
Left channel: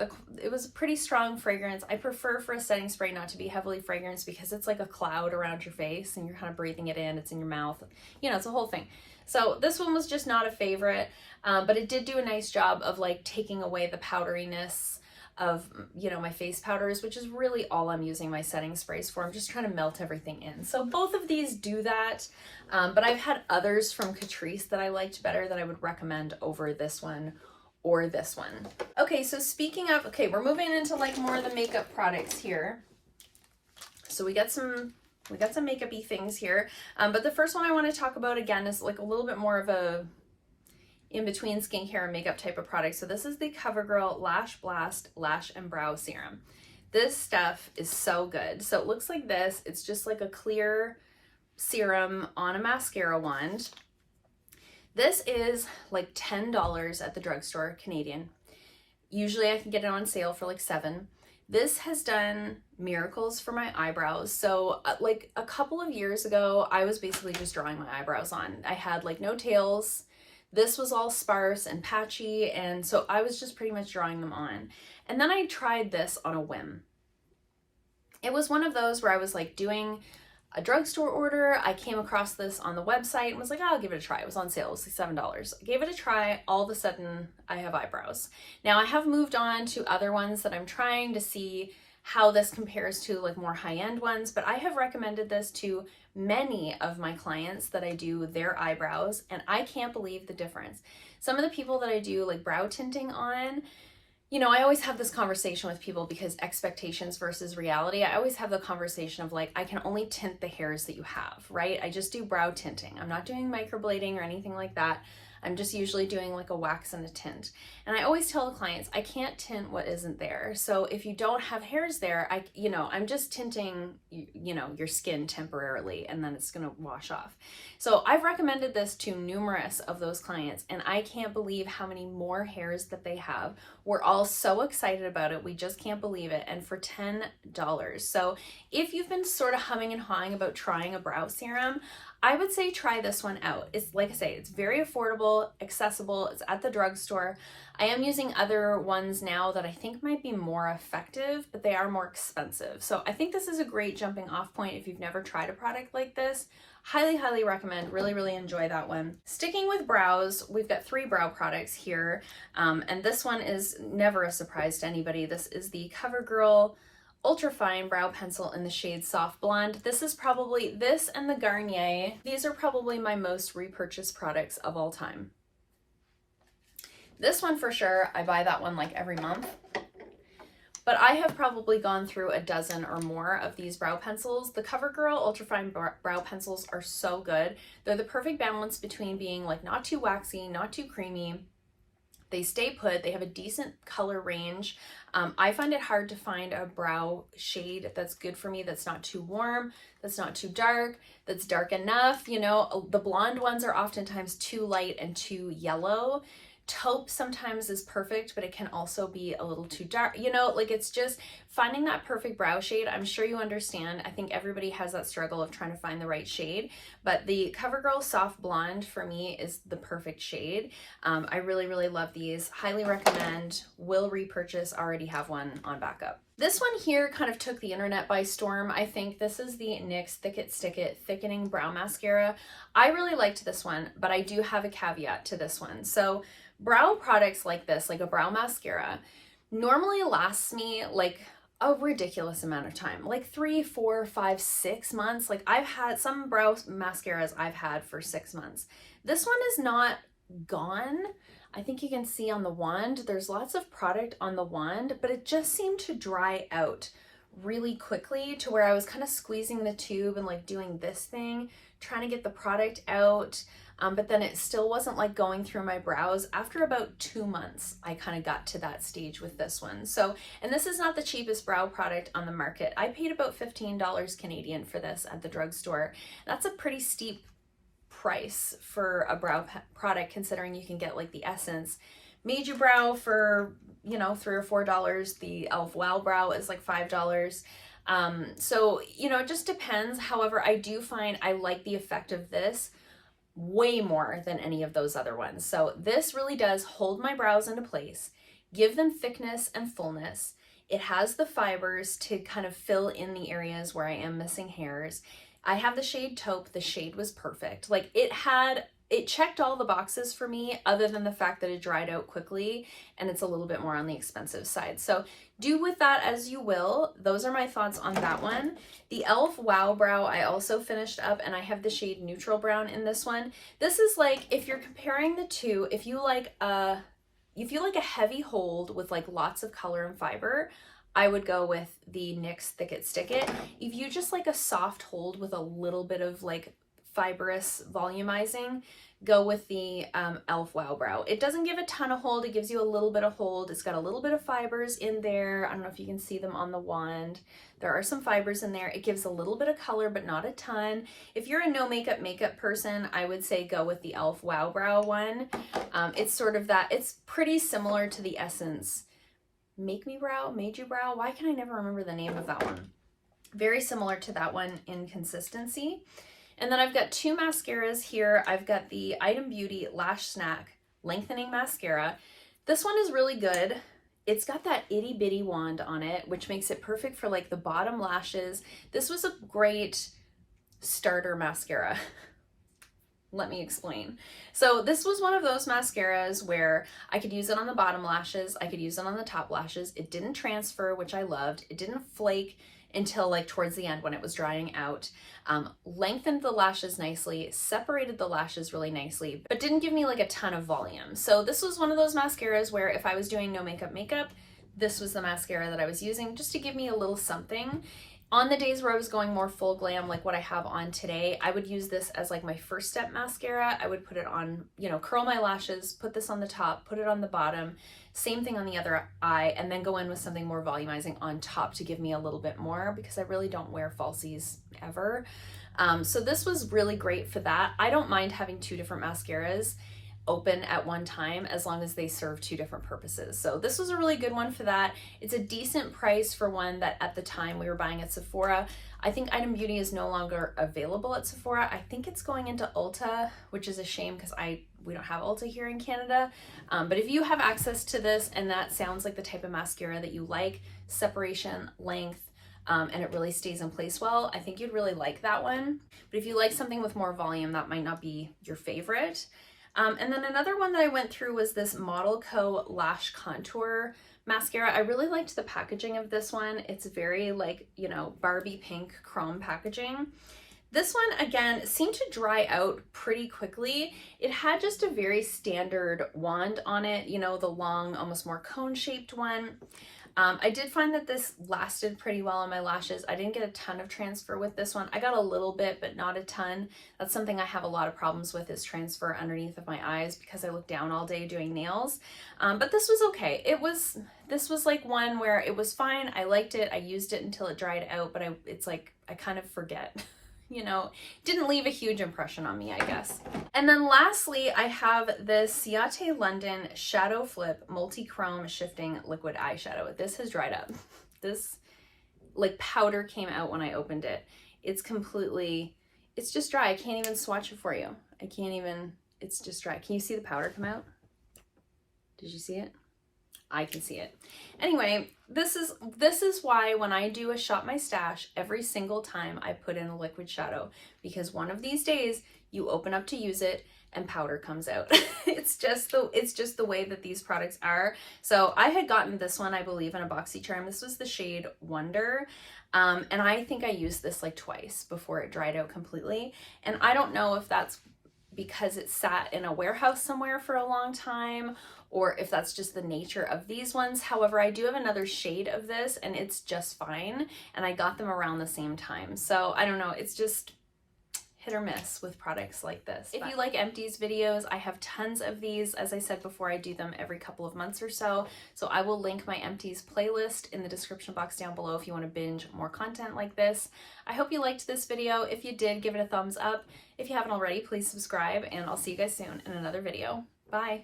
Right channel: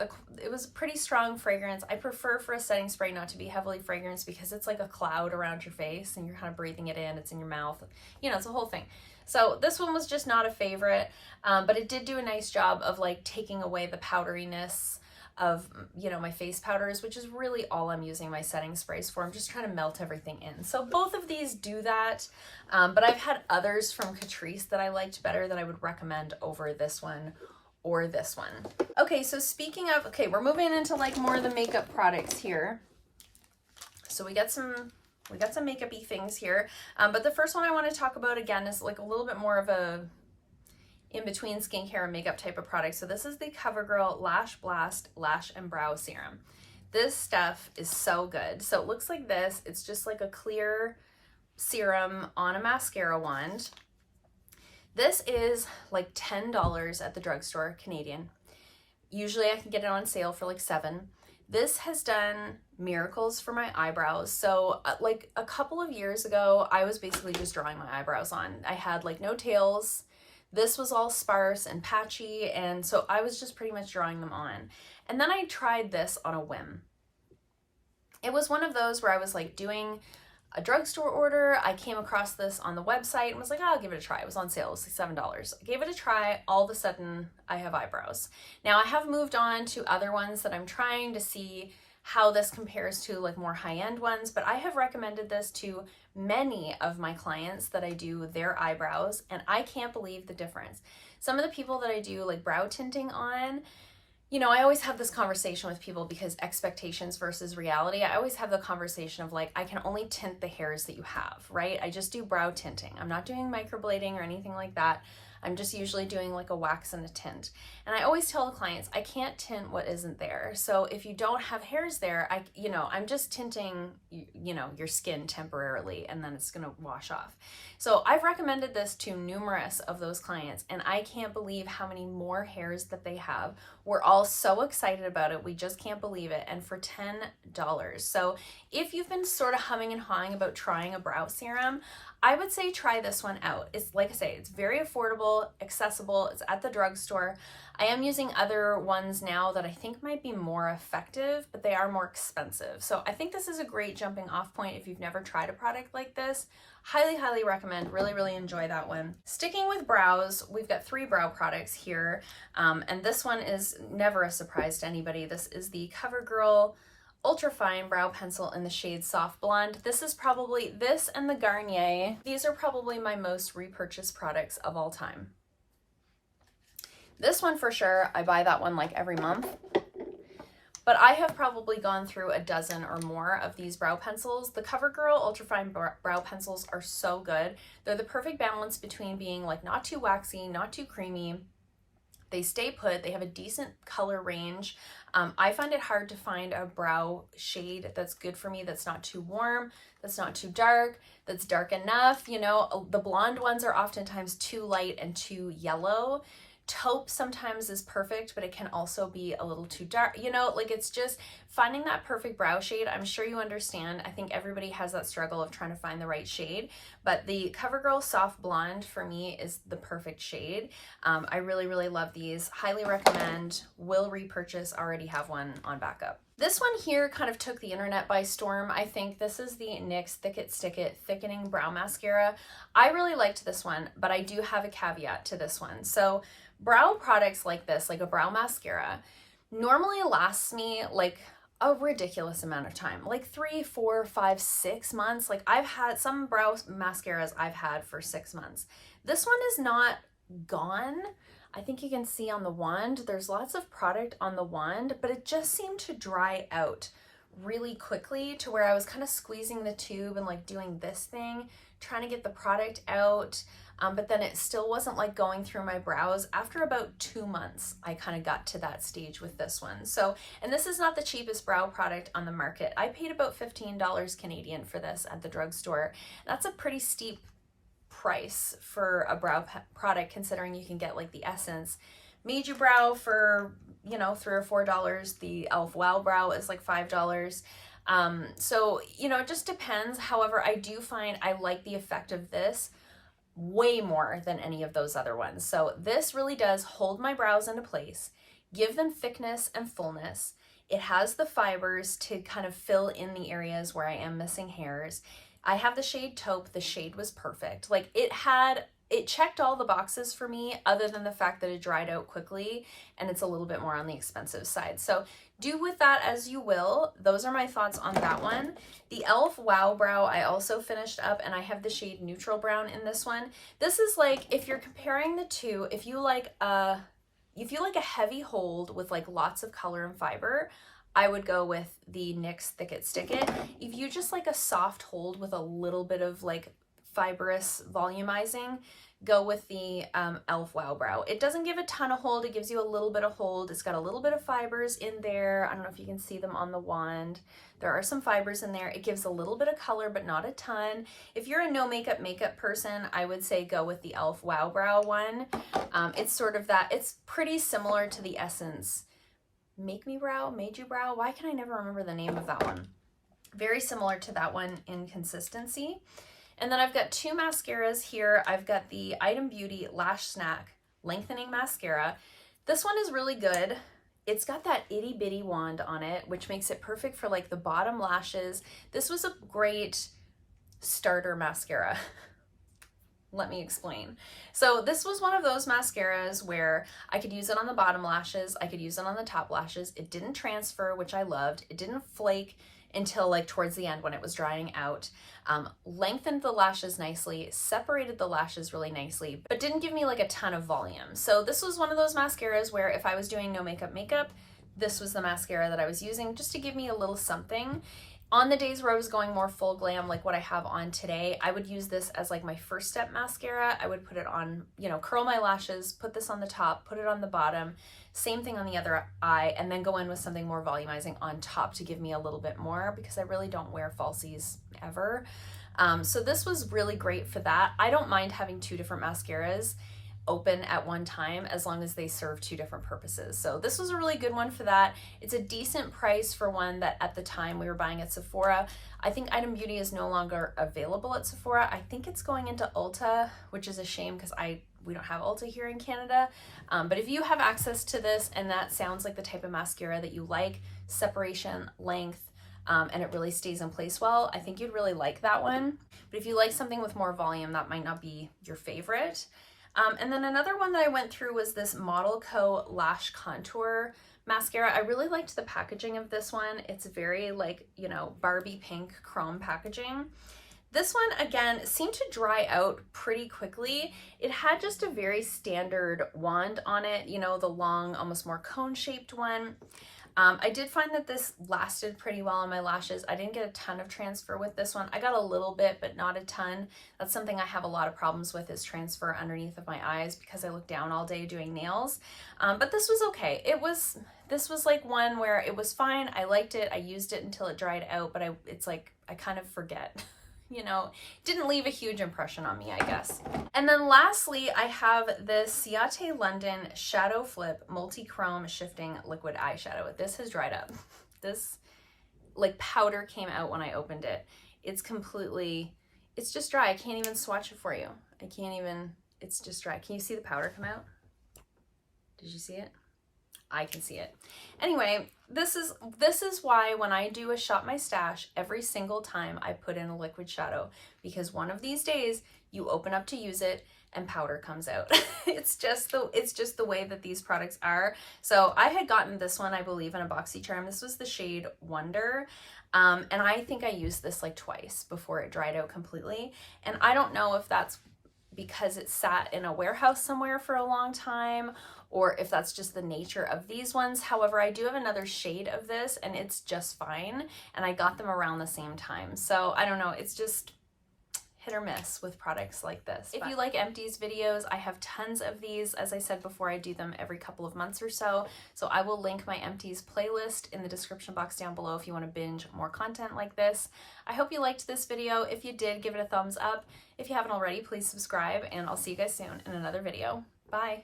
It was a pretty strong fragrance. I prefer for a setting spray not to be heavily fragranced because it's like a cloud around your face and you're kind of breathing it in, it's in your mouth, you know, it's a whole thing. So this one was just not a favorite, but it did do a nice job of like taking away the powderiness of, you know, my face powders, which is really all I'm using my setting sprays for. I'm just trying to melt everything in. So both of these do that, but I've had others from Catrice that I liked better that I would recommend over this one or this one. Okay, so speaking of, okay, we're moving into like more of the makeup products here. So we got some makeup-y things here, but the first one I want to talk about again is like a little bit more of a in-between skincare and makeup type of product. So this is the CoverGirl Lash Blast Lash and Brow Serum. This stuff is so good. So it looks like this. It's just like a clear serum on a mascara wand. This is like $10 at the drugstore, Canadian. Usually I can get it on sale for like $7. This has done miracles for my eyebrows. So like a couple of years ago, I was basically just drawing my eyebrows on. I had like no tails. This was all sparse and patchy, and so I was just pretty much drawing them on. And then I tried this on a whim. It was one of those where I was like doing a drugstore order. I came across this on the website and was like, oh, I'll give it a try. It was on sale. It was like $7. I gave it a try. All of a sudden, I have eyebrows. Now, I have moved on to other ones that I'm trying to see how this compares to like more high-end ones, but I have recommended this to many of my clients that I do their eyebrows, and I can't believe the difference. Some of the people that I do like brow tinting on, you know, I always have this conversation with people because expectations versus reality. I always have the conversation of like, I can only tint the hairs that you have, right? I just do brow tinting. I'm not doing microblading or anything like that. I'm just usually doing like a wax and a tint. And I always tell the clients, I can't tint what isn't there. So if you don't have hairs there, I'm just tinting, you know, your skin temporarily, and then it's gonna wash off. So I've recommended this to numerous of those clients, and I can't believe how many more hairs that they have. We're all so excited about it. We just can't believe it. And for $10. So if you've been sort of humming and hawing about trying a brow serum, I would say try this one out. It's like I say, it's very affordable, accessible, it's at the drugstore. I am using other ones now that I think might be more effective, but they are more expensive. So I think this is a great jumping off point if you've never tried a product like this. Highly, highly recommend. Really, really enjoy that one. Sticking with brows, we've got 3 brow products here, and this one is never a surprise to anybody. This is the CoverGirl Ultra Fine Brow Pencil in the shade Soft Blonde. This is probably, this and the Garnier, these are probably my most repurchased products of all time. This one for sure, I buy that one like every month. But I have probably gone through a dozen or more of these brow pencils. The CoverGirl Ultra Fine Brow Pencils are so good. They're the perfect balance between being like not too waxy, not too creamy. They stay put, they have a decent color range. I find it hard to find a brow shade that's good for me, that's not too warm, that's not too dark, that's dark enough. You know, the blonde ones are oftentimes too light and too yellow. Taupe sometimes is perfect, but it can also be a little too dark. You know, like it's just finding that perfect brow shade. I'm sure you understand. I think everybody has that struggle of trying to find the right shade, but the CoverGirl Soft Blonde for me is the perfect shade. I really, really love these. Highly recommend. Will repurchase. Already have one on backup. This one here kind of took the internet by storm. I think this is the NYX Thick It Stick It Thickening Brow Mascara. I really liked this one, but I do have a caveat to this one. So brow products like this, like a brow mascara, normally lasts me like a ridiculous amount of time, like 3, 4, 5, 6 months. Like I've had some brow mascaras I've had for 6 months. This one is not gone. I think you can see on the wand, there's lots of product on the wand, but it just seemed to dry out really quickly to where I was kind of squeezing the tube and like doing this thing, trying to get the product out. But then it still wasn't like going through my brows. After about 2 months, I kind of got to that stage with this one. So, and this is not the cheapest brow product on the market. I paid about $15 Canadian for this at the drugstore. That's a pretty steep price for a brow product, considering you can get like the Essence Made You Brow for, you know, $3 or $4. The e.l.f. Wow Brow is like $5. So, you know, it just depends. However, I do find I like the effect of this way more than any of those other ones. So this really does hold my brows into place, give them thickness and fullness. It has the fibers to kind of fill in the areas where I am missing hairs. I have the shade Taupe. The shade was perfect. Like it checked all the boxes for me, other than the fact that it dried out quickly and it's a little bit more on the expensive side. So do with that as you will. Those are my thoughts on that one. The e.l.f. Wow Brow I also finished up, and I have the shade Neutral Brown in this one. This is like, if you're comparing the two, if you like a heavy hold with like lots of color and fiber, I would go with the NYX Thick It Stick It. If you just like a soft hold with a little bit of like fibrous volumizing, go with the e.l.f. Wow Brow. It doesn't give a ton of hold. It gives you a little bit of hold. It's got a little bit of fibers in there. I don't know if you can see them on the wand. There are some fibers in there. It gives a little bit of color, but not a ton. If you're a no makeup person, I would say go with the e.l.f. Wow Brow one. It's sort of that, it's pretty similar to the Essence Made You Brow. Why can I never remember the name of that one? Very similar to that one in consistency. And then I've got two mascaras here. I've got the Item Beauty Lash Snack Lengthening Mascara. This one is really good. It's got that itty bitty wand on it, which makes it perfect for like the bottom lashes. This was a great starter mascara. Let me explain. So this was one of those mascaras where I could use it on the bottom lashes. I could use it on the top lashes. It didn't transfer, which I loved. It didn't flake until like towards the end when it was drying out. Lengthened the lashes nicely, separated the lashes really nicely, but didn't give me like a ton of volume. So this was one of those mascaras where if I was doing no makeup, this was the mascara that I was using just to give me a little something. On the days where I was going more full glam, like what I have on today, I would use this as like my first step mascara. I would put it on, you know, curl my lashes, put this on the top, put it on the bottom, same thing on the other eye, and then go in with something more volumizing on top to give me a little bit more, because I really don't wear falsies ever. So this was really great for that. I don't mind having two different mascaras open at one time as long as they serve two different purposes. So this was a really good one for that. It's a decent price for one that at the time we were buying at Sephora. I think Item Beauty is no longer available at Sephora. I think it's going into Ulta, which is a shame because we don't have Ulta here in Canada. But if you have access to this and that sounds like the type of mascara that you like, separation, length, and it really stays in place well, I think you'd really like that one. But if you like something with more volume, that might not be your favorite. And then another one that I went through was this Model Co. Lash Contour Mascara. I really liked the packaging of this one. It's very like, you know, Barbie pink chrome packaging. This one, again, seemed to dry out pretty quickly. It had just a very standard wand on it, you know, the long, almost more cone-shaped one. I did find that this lasted pretty well on my lashes. I didn't get a ton of transfer with this one. I got a little bit, but not a ton. That's something I have a lot of problems with, is transfer underneath of my eyes because I look down all day doing nails. But this was okay. This was like one where it was fine. I liked it. I used it until it dried out, but it's like I kind of forget. You know, didn't leave a huge impression on me, I guess. And then lastly, I have this Ciate London Shadow Flip Multi-Chrome Shifting Liquid Eyeshadow. This has dried up. This like powder came out when I opened it. It's just dry. I can't even swatch it for you. It's just dry. Can you see the powder come out? Did you see it? I can see it. Anyway, this is why when I do a Shop My Stash, every single time I put in a liquid shadow, because one of these days you open up to use it and powder comes out. It's just the way that these products are. So I had gotten this one, I believe, in a BoxyCharm. This was the shade Wonder. And I think I used this like twice before it dried out completely. And I don't know if that's because it sat in a warehouse somewhere for a long time, or if that's just the nature of these ones. However, I do have another shade of this and it's just fine, and I got them around the same time. So I don't know, it's just hit or miss with products like this. If you like Empties videos, I have tons of these. As I said before, I do them every couple of months or so. So I will link my Empties playlist in the description box down below if you want to binge more content like this. I hope you liked this video. If you did, give it a thumbs up. If you haven't already, please subscribe, and I'll see you guys soon in another video. Bye.